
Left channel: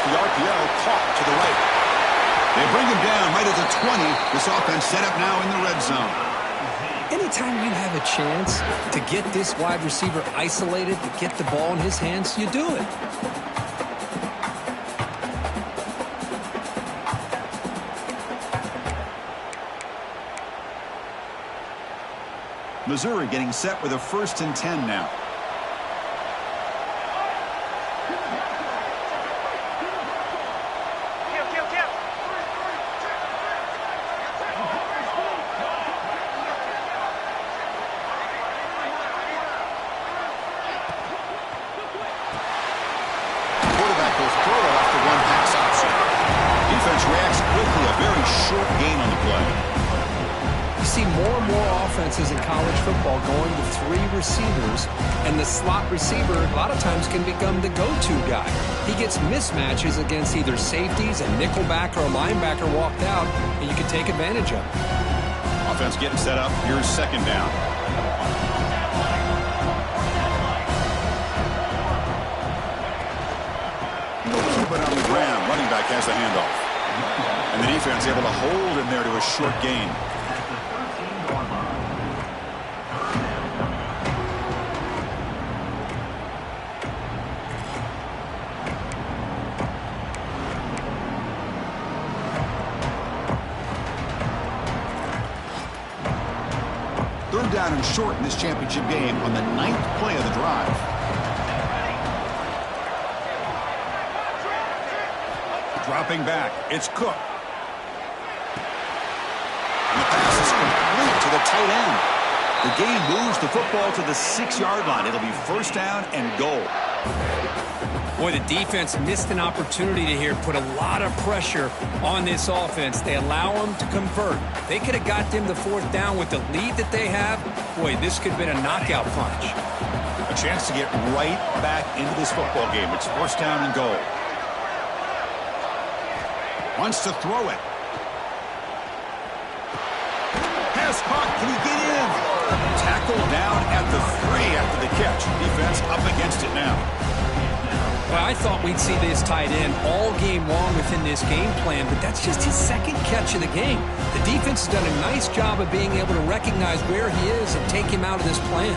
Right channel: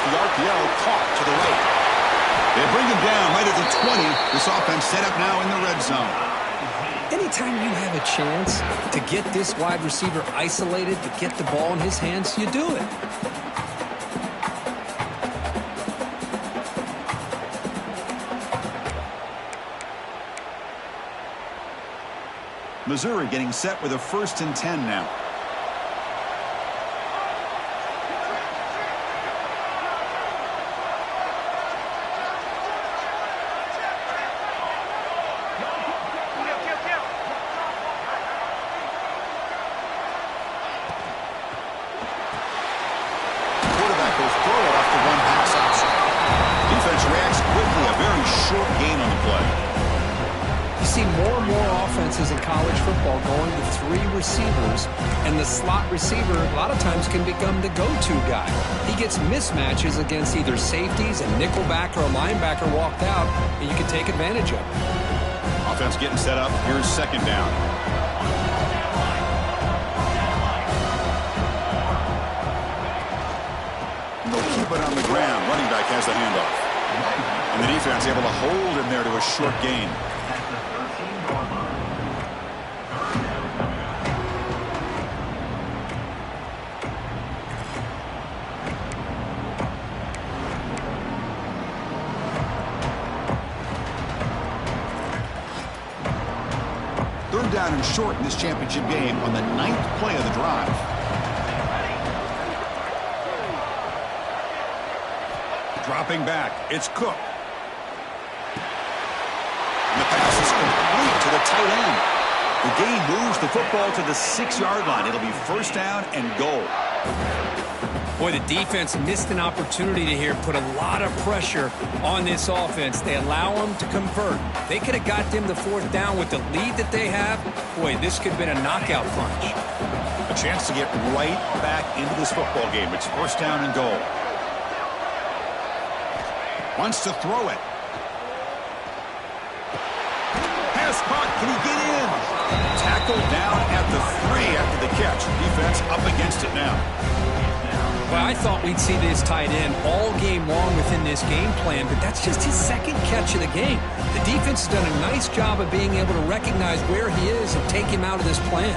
The RPO caught to the right. They bring him down right at the 20. This offense set up now in the red zone. Anytime you have a chance to get this wide receiver isolated, to get the ball in his hands, you do it. Missouri getting set with a 1st and 10 now. Quarterback will throw it off the one pass option. Defense reacts quickly. A very short gain on the play. You see more and more offenses in college football going to 3 receivers, and the slot receiver a lot of times can become the go-to guy. He gets mismatches against either safeties, a nickelback, or a linebacker walked out, and you can take advantage of it. Offense getting set up. Here's 2nd down. They'll keep it on the ground. Running back has the handoff. And the defense able to hold him there to a short gain. Third down and short in this championship game on the 9th play of the drive. Dropping back, it's Cook. And the pass is complete to the tight end. The gain moves the football to the 6-yard line. It'll be first down and goal. Boy, the defense missed an opportunity to here put a lot of pressure on this offense. They allow them to convert. They could have got them the fourth down with the lead that they have. Boy, this could have been a knockout punch. A chance to get right back into this football game. It's first down and goal. Wants to throw it. Pass caught. Can he get in? Tackled down at the 3 after the catch. Defense up against it now. Well, I thought we'd see this tight end all game long within this game plan, but that's just his second catch of the game. The defense has done a nice job of being able to recognize where he is and take him out of this plan.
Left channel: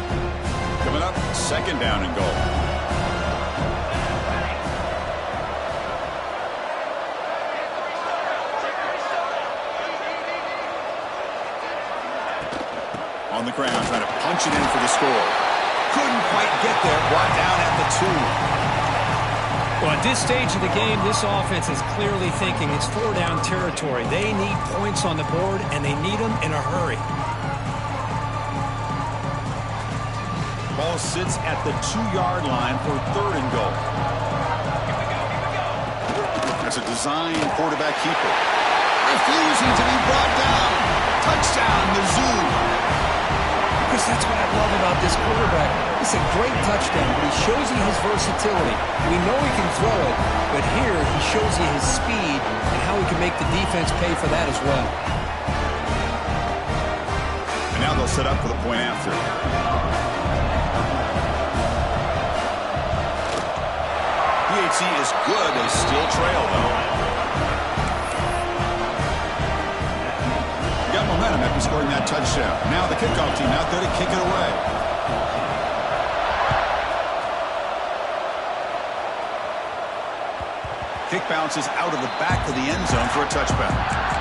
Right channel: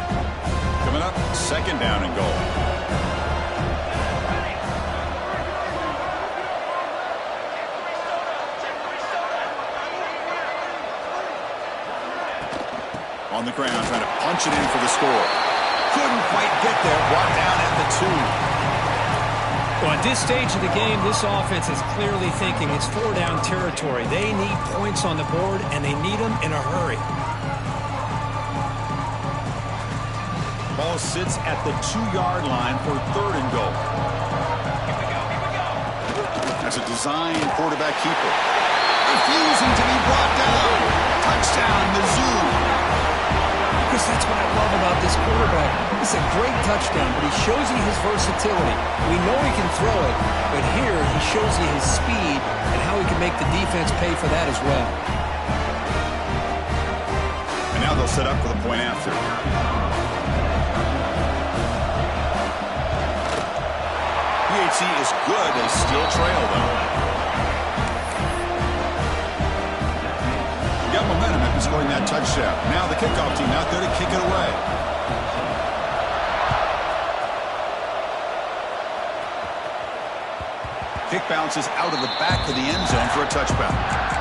Coming up, second down and goal. On the ground, trying to punch it in for the score. Couldn't quite get there, brought down at the 2. Well, at this stage of the game, this offense is clearly thinking it's four-down territory. They need points on the board, and they need them in a hurry. Ball sits at the 2-yard line for third and goal. That's a design quarterback keeper. Refusing to be brought down. Touchdown, Mizzou. Chris, that's what I love about this quarterback. It's a great touchdown, but he shows you his versatility. We know he can throw it, but here he shows you his speed and how he can make the defense pay for that as well. And now they'll set up for the point after. PHC is good. They still trail, though. Got momentum after scoring that touchdown. Now the kickoff team out there to kick it away. Kick bounces out of the back of the end zone for a touchback.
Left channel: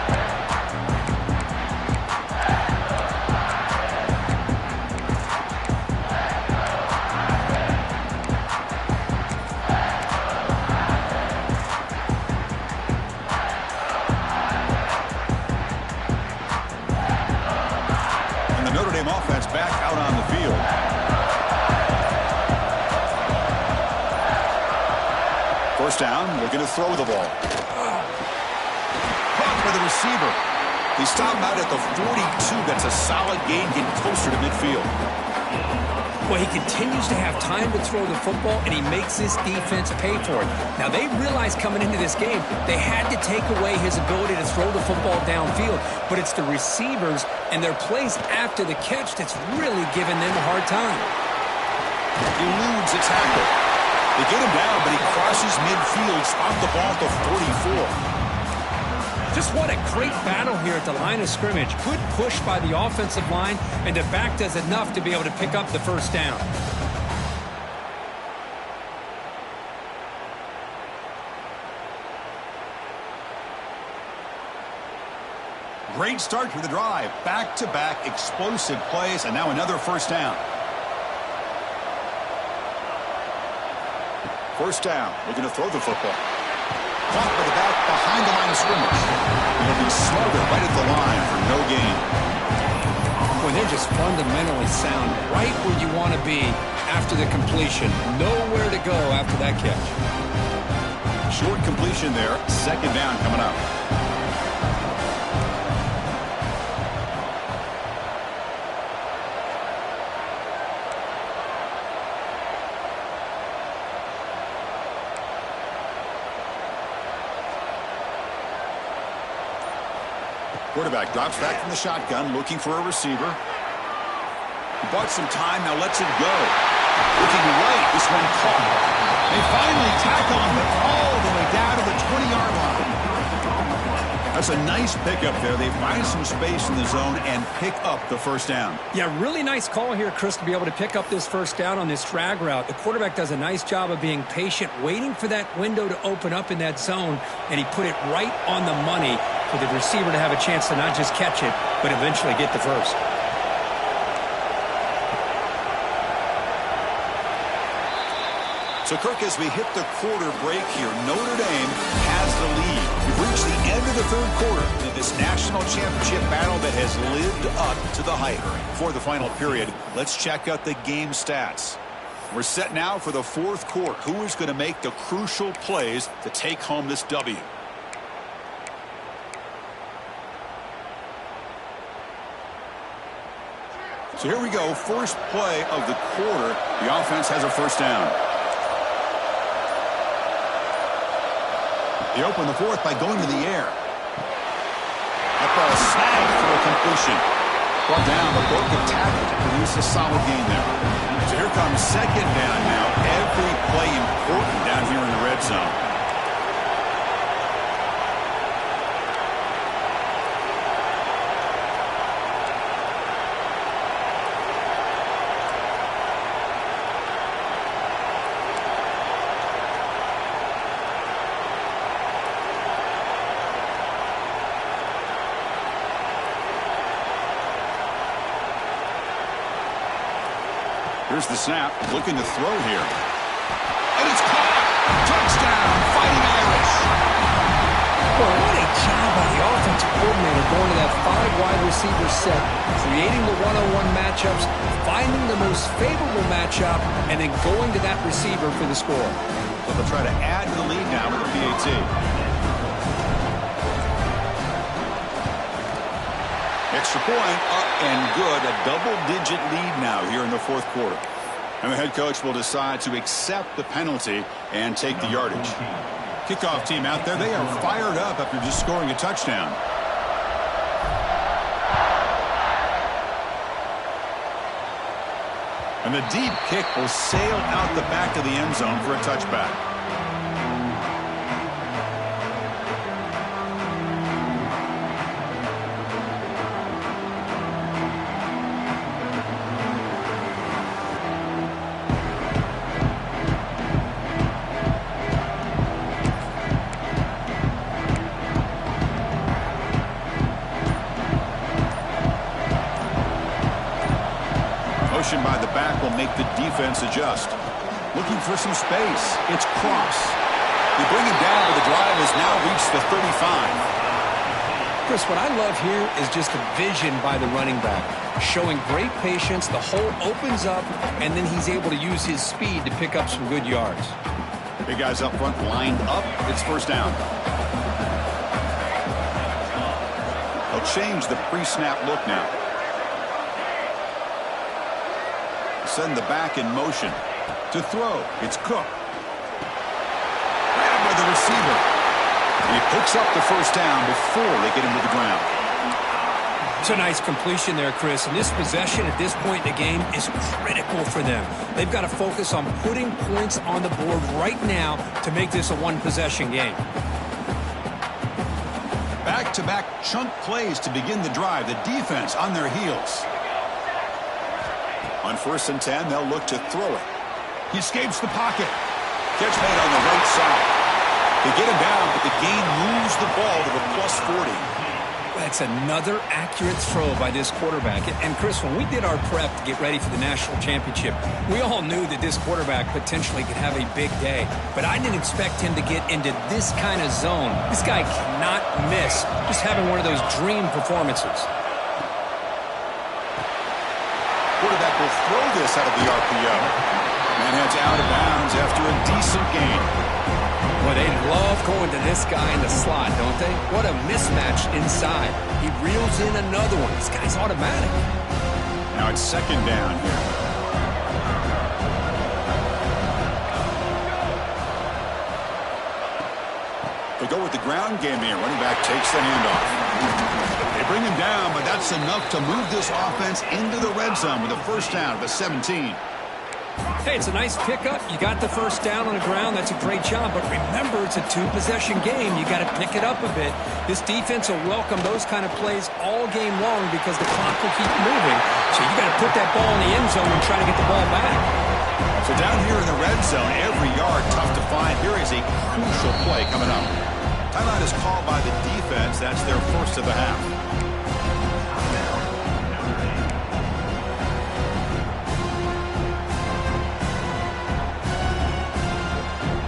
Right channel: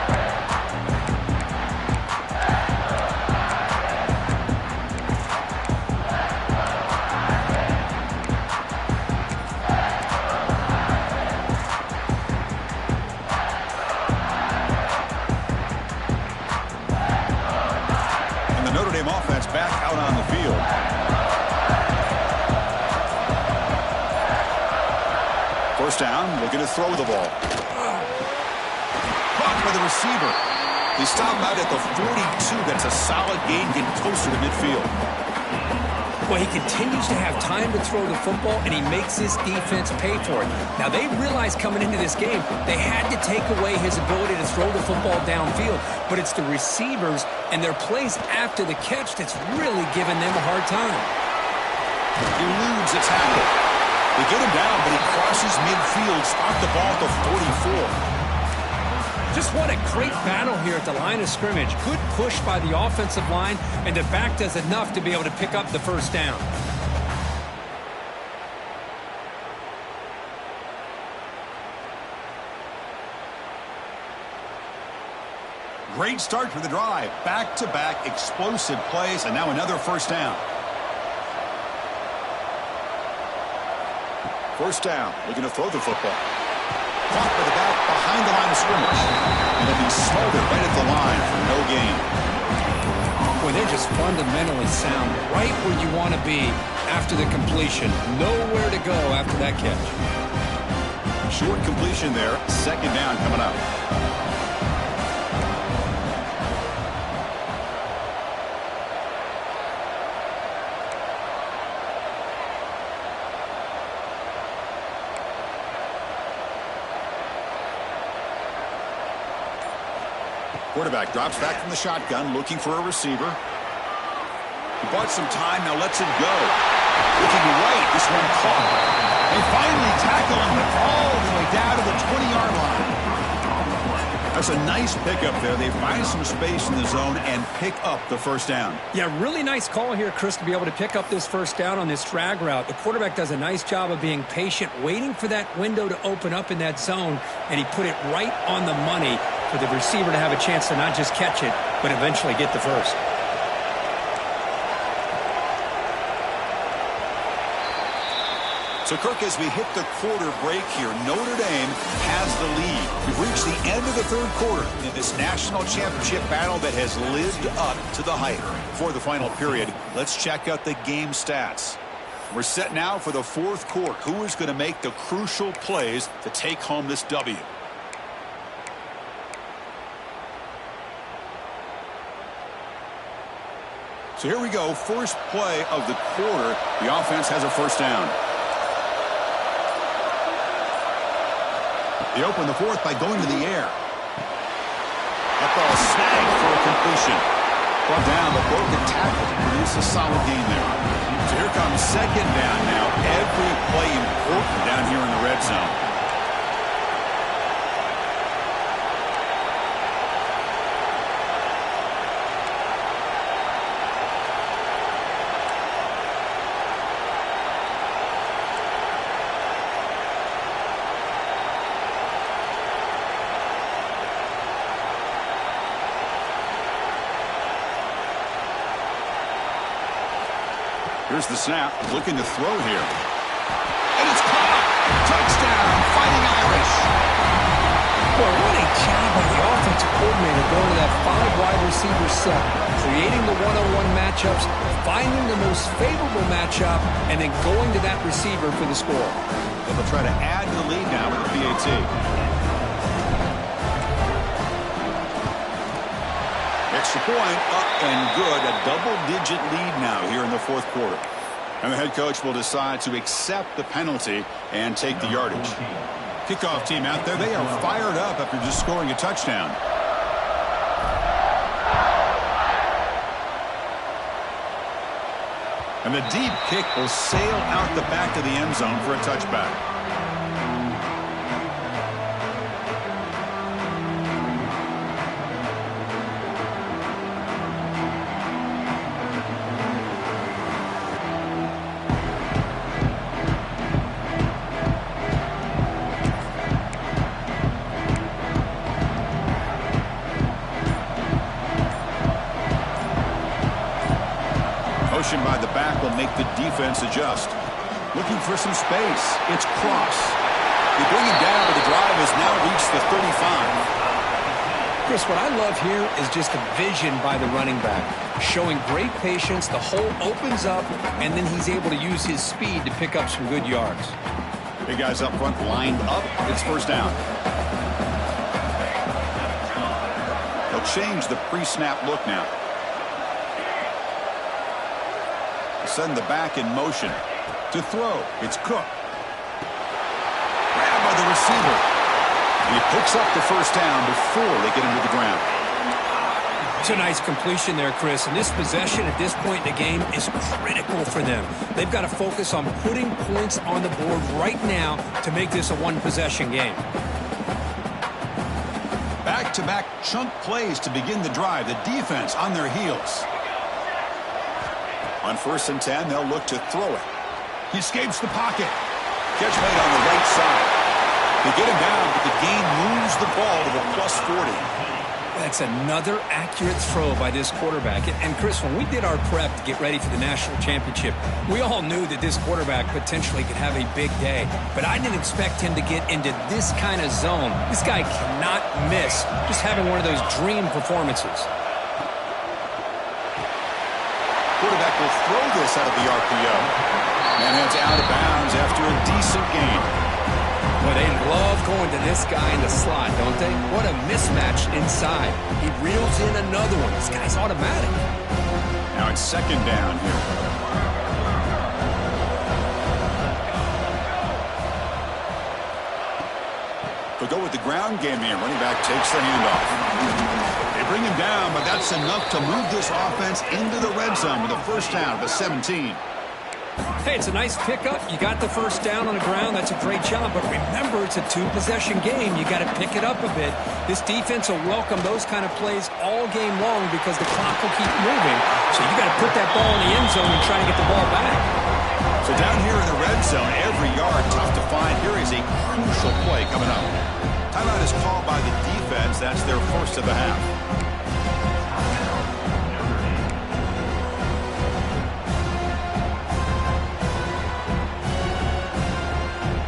Offense back out on the field. First down, looking to throw the ball. Caught by the receiver. They stop him out at the 42. That's a solid gain, getting closer to midfield. Well, he continues to have time to throw the football, and he makes this defense pay for it. Now, they realized coming into this game they had to take away his ability to throw the football downfield, but it's the receivers and their plays after the catch that's really giving them a hard time. Eludes a tackle. They get him down, but he crosses midfield, spot the ball at the 44. Just what a great battle here at the line of scrimmage. Good push by the offensive line, and the back does enough to be able to pick up the first down. Great start to the drive. Back-to-back explosive plays, and now another first down. First down, looking to throw the football. Caught by the back behind the line of scrimmage. And he'll be smothered right at the line for no gain. Boy, they're just fundamentally sound, right where you want to be after the completion. Nowhere to go after that catch. Short completion there. Second down coming up. Quarterback drops back from the shotgun, looking for a receiver. He bought some time, now lets it go. Looking right, this one caught. They finally tackle him, but all the way down to the 20-yard line. That's a nice pickup there. They find some space in the zone and pick up the first down. Yeah, really nice call here, Chris, to be able to pick up this first down on this drag route. The quarterback does a nice job of being patient, waiting for that window to open up in that zone, and he put it right on the money for the receiver to have a chance to not just catch it, but eventually get the first. So, Kirk, as we hit the quarter break here, Notre Dame has the lead. We've reached the end of the third quarter in this national championship battle that has lived up to the hype. For the final period, let's check out the game stats. We're set now for the fourth quarter. Who is going to make the crucial plays to take home this W? So here we go. First play of the quarter. The offense has a first down. They open the fourth by going to the air. That ball snagged for a completion. Brought down, but broke a tackle to produce a solid gain there. So here comes second down now. Every play important down here in the red zone. Here's the snap, looking to throw here. And it's caught! Touchdown, Fighting Irish! Boy, what a job by the offensive coordinator going to that 5 wide receiver set, creating the one-on-one matchups, finding the most favorable matchup, and then going to that receiver for the score. So they'll try to add to the lead now with the PAT. Extra point, up and good. A double-digit lead now here in the fourth quarter. And the head coach will decide to accept the penalty and take the yardage. Kickoff team out there, they are fired up after just scoring a touchdown. And the deep kick will sail out the back of the end zone for a touchback. By the back will make the defense adjust. Looking for some space. It's Cross. They bring him down, but the drive has now reached the 35. Chris, what I love here is just the vision by the running back. Showing great patience, the hole opens up, and then he's able to use his speed to pick up some good yards. Big guys up front lined up. It's first down. They'll change the pre-snap look now. Send the back in motion. To throw, it's Cook. Grabbed by the receiver. And he picks up the first down before they get him to the ground. It's a nice completion there, Chris. And this possession at this point in the game is critical for them. They've got to focus on putting points on the board right now to make this a one-possession game. Back-to-back chunk plays to begin the drive. The defense on their heels. On 1st and 10, they'll look to throw it. He escapes the pocket. Catch made on the right side. They get him down, but the gain moves the ball to the +40. That's another accurate throw by this quarterback. And Chris, when we did our prep to get ready for the national championship, we all knew that this quarterback potentially could have a big day. But I didn't expect him to get into this kind of zone. This guy cannot miss just having one of those dream performances. Quarterback will throw this out of the RPO. Man heads out of bounds after a decent gain. Well, they love going to this guy in the slot, don't they? What a mismatch inside. He reels in another one. This guy's automatic. Now it's second down here. They'll go with the ground game here. Running back takes the handoff. They bring him down, but that's enough to move this offense into the red zone with a first down at the 17. Hey, it's a nice pickup. You got the first down on the ground. That's a great job. But remember, it's a two-possession game. You got to pick it up a bit. This defense will welcome those kind of plays all game long because the clock will keep moving. So you got to put that ball in the end zone and try to get the ball back. So down here in the red zone, every yard tough to find. Here is a crucial play coming up. Timeout is called by the defense. That's their first of the half.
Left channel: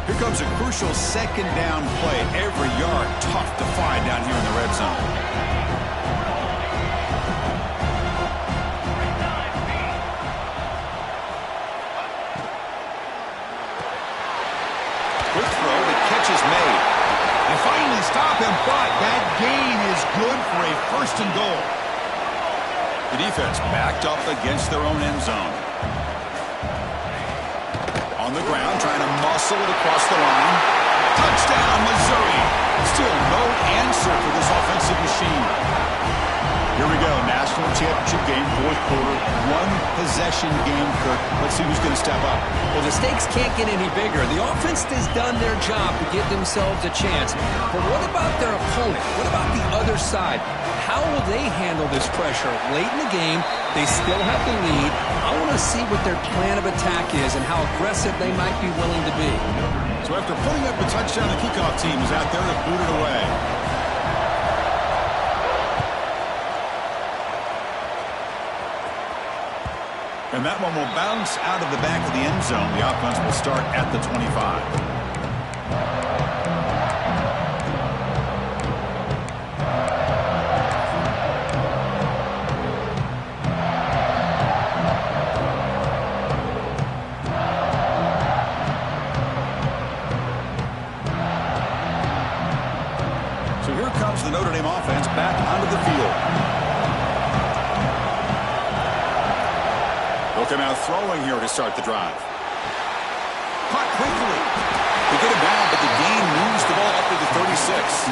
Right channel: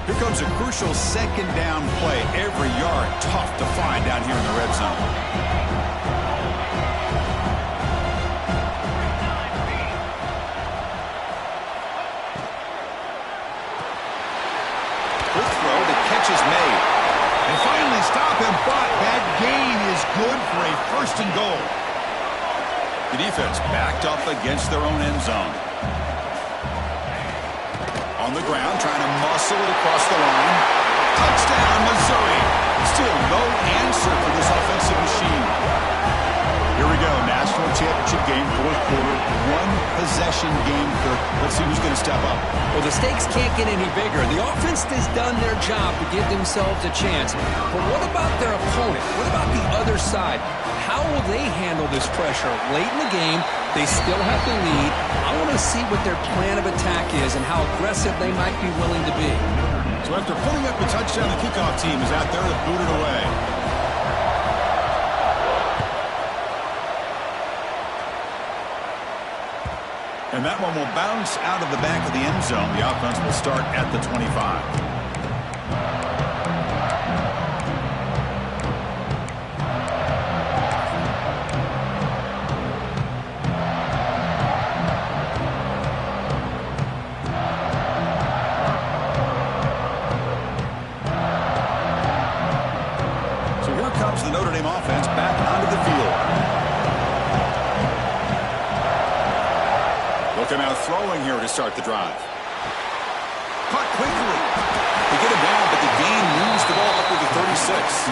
Here comes a crucial second down play. Every yard tough to find down here in the red zone. catch is made. They finally stop him, but that gain is good for a 1st and goal. The defense backed up against their own end zone. On the ground, trying to muscle it across the line. Touchdown, Missouri. Still no answer for this offensive machine. Here we go, national championship game, 4th quarter, 1-possession game, Kirk. Let's see who's going to step up. Well, the stakes can't get any bigger. The offense has done their job to give themselves a chance. But what about their opponent? What about the other side? How will they handle this pressure? Late in the game, they still have the lead. I want to see what their plan of attack is and how aggressive they might be willing to be. So after putting up a touchdown, the kickoff team is out there to boot it away. And that one will bounce out of the back of the end zone. The offense will start at the 25. So here comes the Notre Dame offense back onto the field. They'll come out throwing here to start the drive. Caught quickly. They get him down, but the gain moves the ball up to the 36.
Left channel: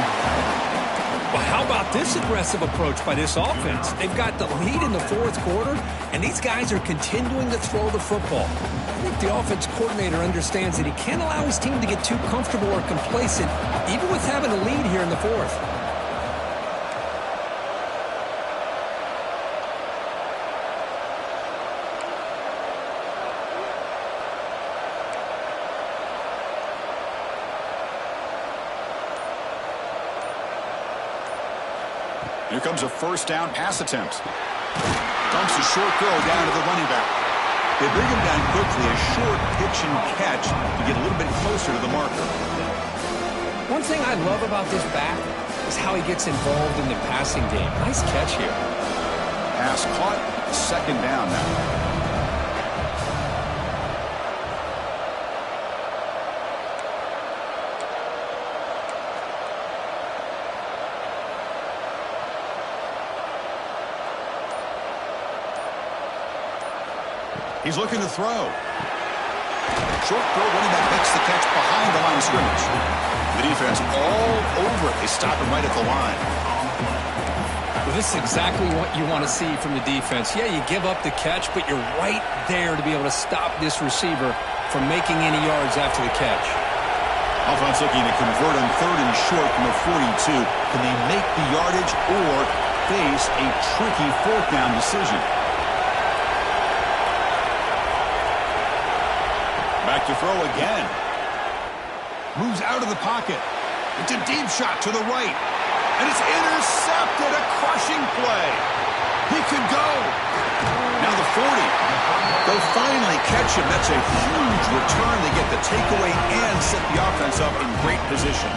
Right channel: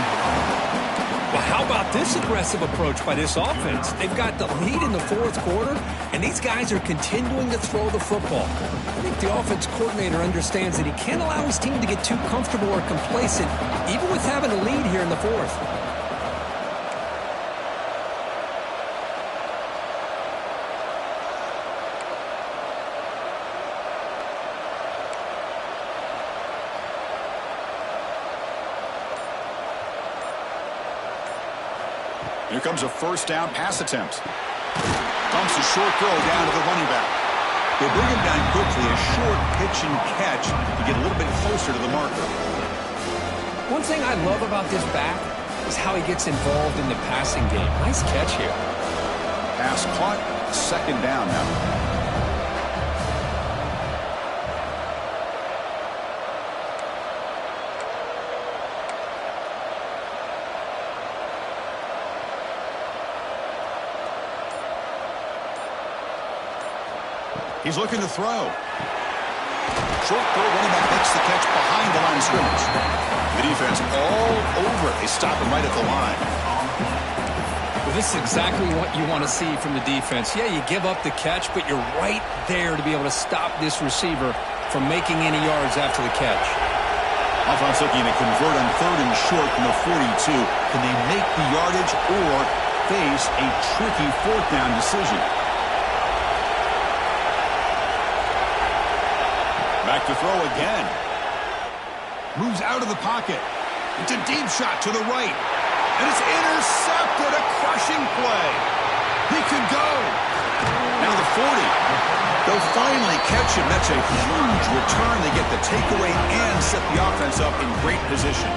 Well, how about this aggressive approach by this offense? They've got the lead in the 4th quarter, and these guys are continuing to throw the football. I think the offense coordinator understands that he can't allow his team to get too comfortable or complacent, even with having a lead here in the 4th. Here comes a 1st down pass attempt. Dumps a short throw down to the running back. They bring him down quickly, a short pitch and catch to get a little bit closer to the marker. One thing I love about this back is how he gets involved in the passing game. Nice catch here. Pass caught, 2nd down now. He's looking to throw. Short throw, running back makes the catch behind the line of scrimmage. The defense all over it. They stop him right at the line. Well, this is exactly what you want to see from the defense. Yeah, you give up the catch, but you're right there to be able to stop this receiver from making any yards after the catch. Offense looking to convert on 3rd and short from the 42. Can they make the yardage or face a tricky 4th down decision? Back to throw again. Moves out of the pocket. It's a deep shot to the right. And it's intercepted. A crushing play. He could go. Now the 40. They'll finally catch him. That's a huge return. They get the takeaway and set the offense up in great position.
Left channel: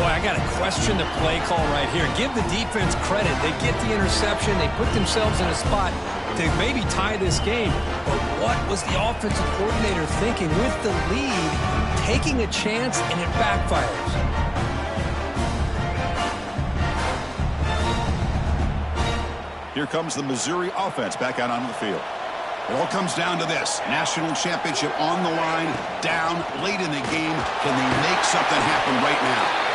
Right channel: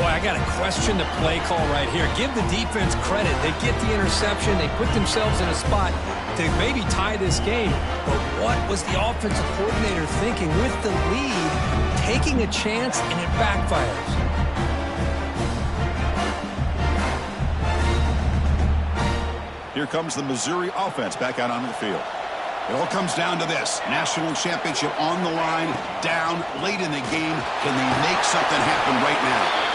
Boy, I got to question the play call right here. Give the defense credit. They get the interception. They put themselves in a spot to maybe tie this game. But what was the offensive coordinator thinking with the lead, taking a chance, and it backfires? Here comes the Missouri offense back out onto the field. It all comes down to this. National championship on the line, down late in the game. Can they make something happen right now?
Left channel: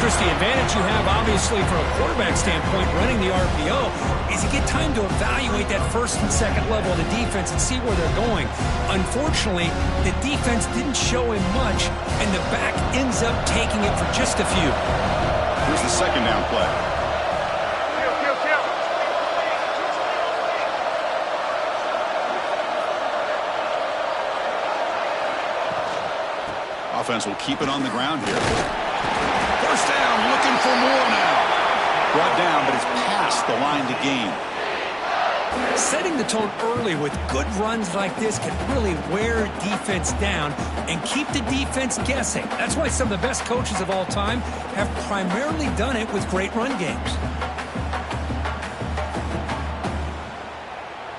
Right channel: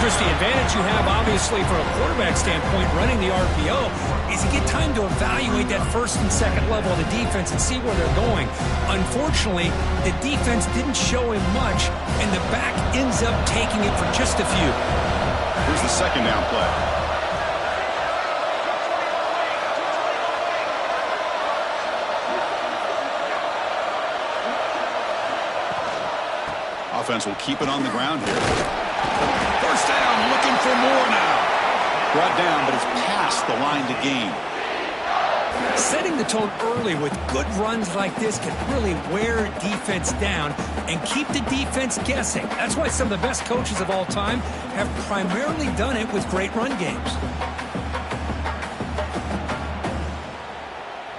Chris, the advantage you have, obviously, from a quarterback standpoint, running the RPO, is you get time to evaluate that 1st and 2nd level of the defense and see where they're going. Unfortunately, the defense didn't show him much, and the back ends up taking it for just a few. Here's the 2nd down play. Offense will keep it on the ground here. 1st down, looking for more now. Brought down, but it's past the line to gain. Setting the tone early with good runs like this can really wear defense down and keep the defense guessing. That's why some of the best coaches of all time have primarily done it with great run games.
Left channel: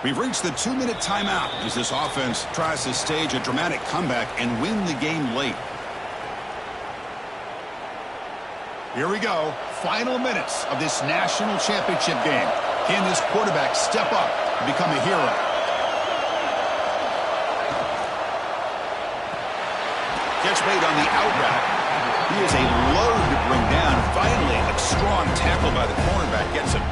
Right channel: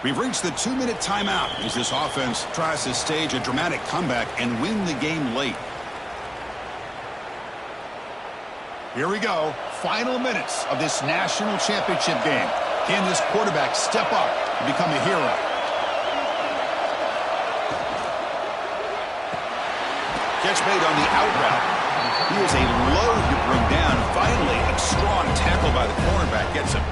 We've reached the 2-minute timeout as this offense tries to stage a dramatic comeback and win the game late. Here we go. Final minutes of this national championship game. Can this quarterback step up and become a hero? Catch made on the out route. He is a load to bring down. Finally, a strong tackle by the cornerback gets him.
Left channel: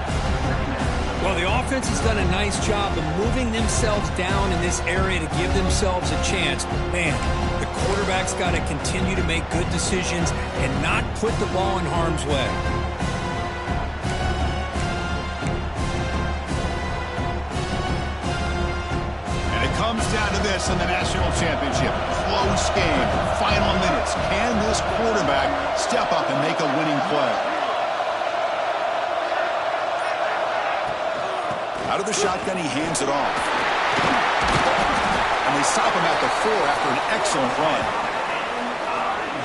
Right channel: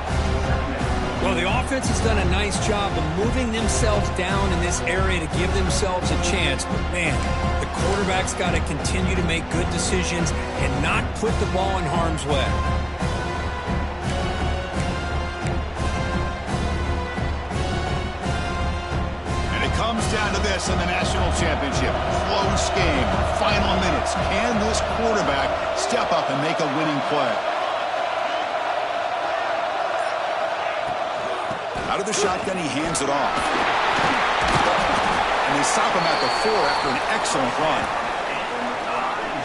Well, the offense has done a nice job of moving themselves down in this area to give themselves a chance. But, man, the quarterback's got to continue to make good decisions and not put the ball in harm's way. And it comes down to this in the national championship. Close game. Final minutes. Can this quarterback step up and make a winning play? Out of the shotgun, he hands it off. And they stop him at the 4 after an excellent run.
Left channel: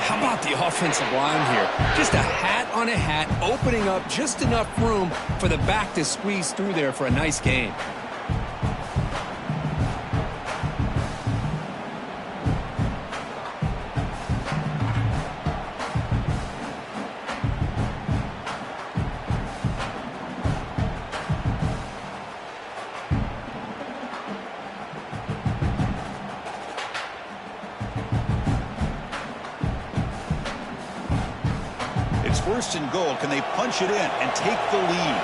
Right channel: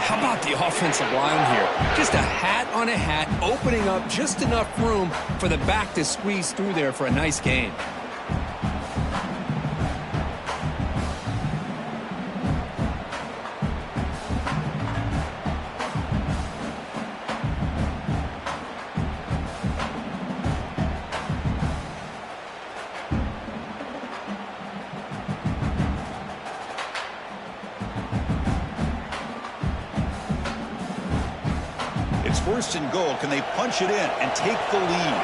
How about the offensive line here? Just a hat on a hat, opening up just enough room for the back to squeeze through there for a nice gain. It's first and goal. Can they punch it in and take the lead?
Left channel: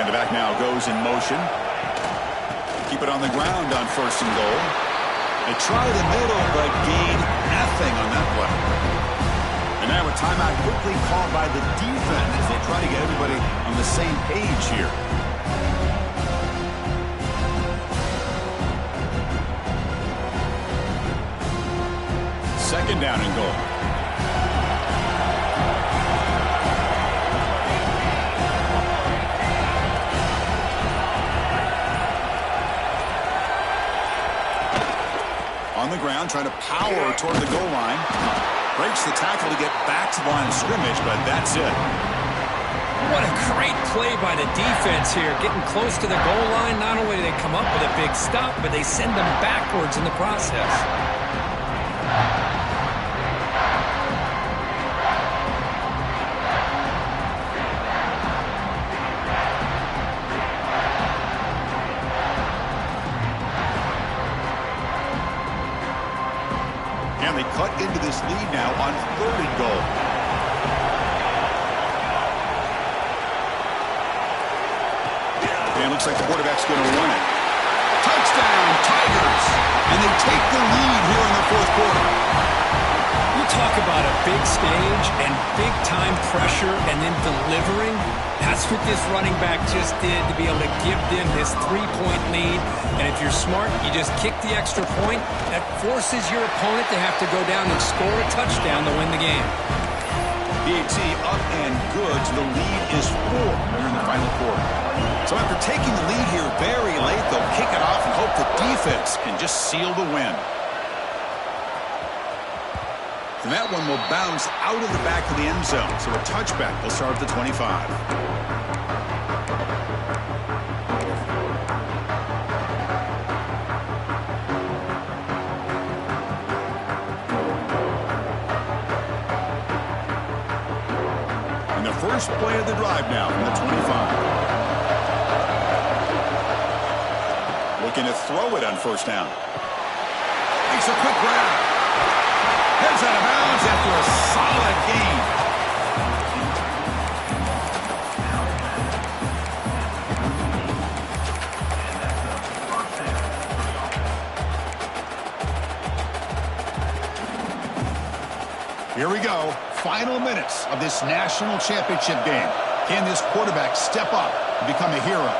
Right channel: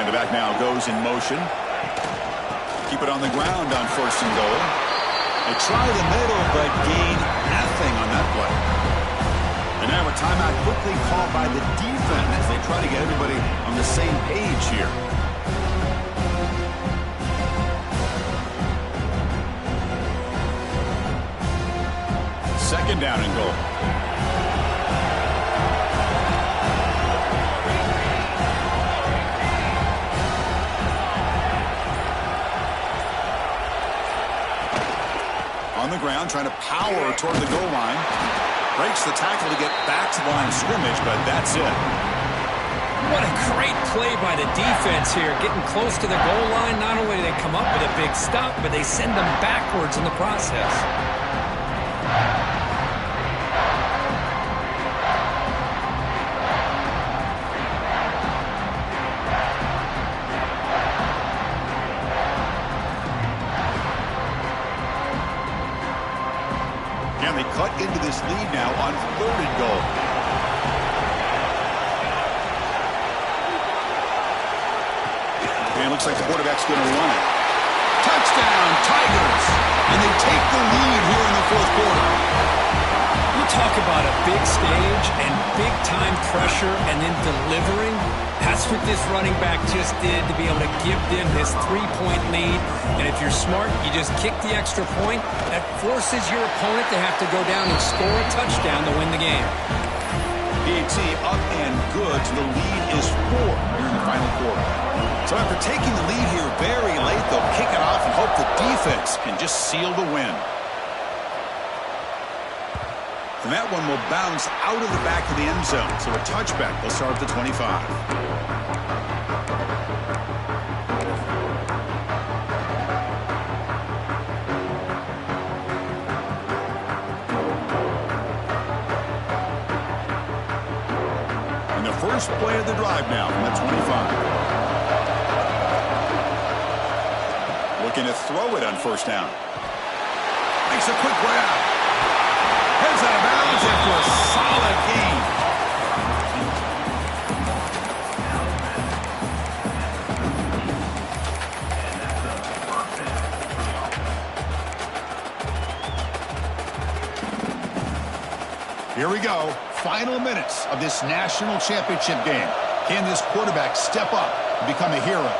And the back now goes in motion. Keep it on the ground on first and goal. They try the middle, but gain nothing on that play. And now a timeout quickly called by the defense as they try to get everybody on the same page here. Second down and goal. On the ground, trying to power toward the goal line. Breaks the tackle to get back to the line of scrimmage, but that's it. What a great play by the defense here. Getting close to the goal line, not only do they come up with a big stop, but they send them backwards in the process. And they cut into this lead now on third and goal. And it looks like the quarterback's going to run it. Touchdown, Tigers! And they take the lead here in the fourth quarter. You talk about a big stage and big-time pressure and then delivering. That's what this running back just did to be able to give them this 3-point lead. And if you're smart, you just kick the extra point. That forces your opponent to have to go down and score a touchdown to win the game. PAT up and good. The lead is 4 here in the final quarter. So after taking the lead here very late, they'll kick it off and hope the defense can just seal the win. And that one will bounce out of the back of the end zone. So a touchback. They'll start at the 25. And the first play of the drive now from the 25. Looking to throw it on first down. Makes a quick grab. Heads out of bounds after a solid gain. Here we go. Final minutes of this national championship game. Can this quarterback step up and become a hero?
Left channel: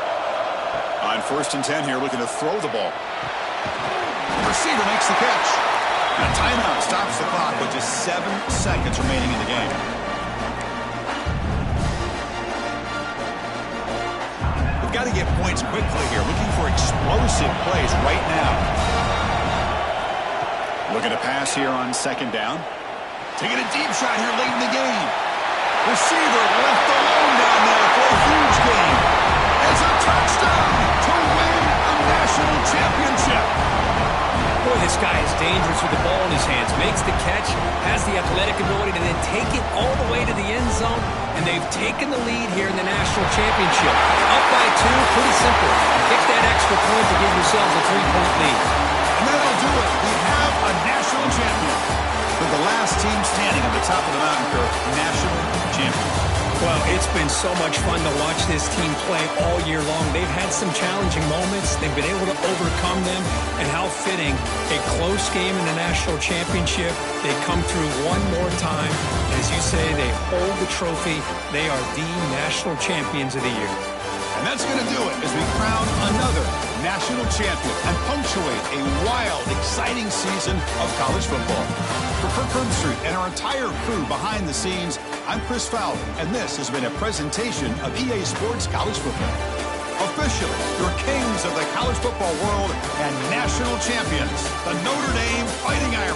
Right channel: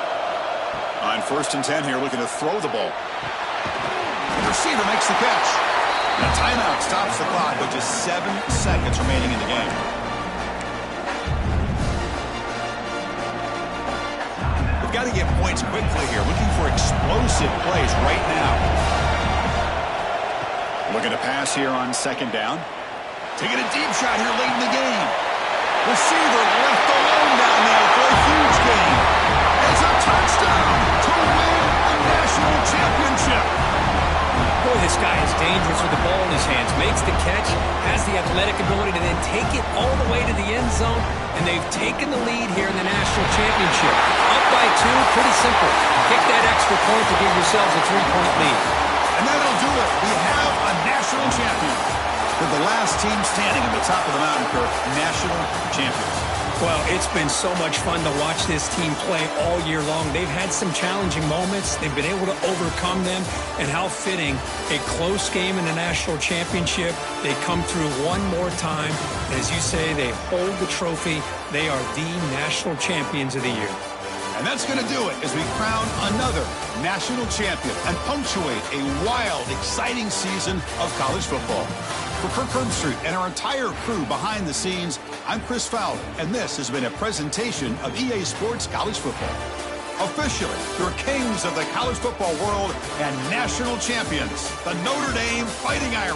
On first and 10 here, looking to throw the ball. The receiver makes the catch. And a timeout stops the clock with just 7 seconds remaining in the game. We've got to get points quickly here. Looking for explosive plays right now. Looking to pass here on second down. Taking a deep shot here late in the game. Receiver left alone down there for a huge gain. It's a touchdown to win a national championship. Boy, this guy is dangerous with the ball in his hands. Makes the catch, has the athletic ability to then take it all the way to the end zone, and they've taken the lead here in the national championship. Up by 2, pretty simple. Kick that extra point to give yourselves a 3-point lead. And that'll do it. We have a national champion. With the last team standing at the top of the mountain curve, national champions. Well, it's been so much fun to watch this team play all year long. They've had some challenging moments. They've been able to overcome them. And how fitting, a close game in the national championship. They come through one more time. As you say, they hold the trophy. They are the national champions of the year. And that's going to do it as we crown another national champion and punctuate a wild, exciting season of college football. For Kirk Herbstreit and our entire crew behind the scenes, I'm Chris Fowler, and this has been a presentation of EA Sports College Football. Officially, your kings of the college football world and national champions, the Notre Dame Fighting Irish.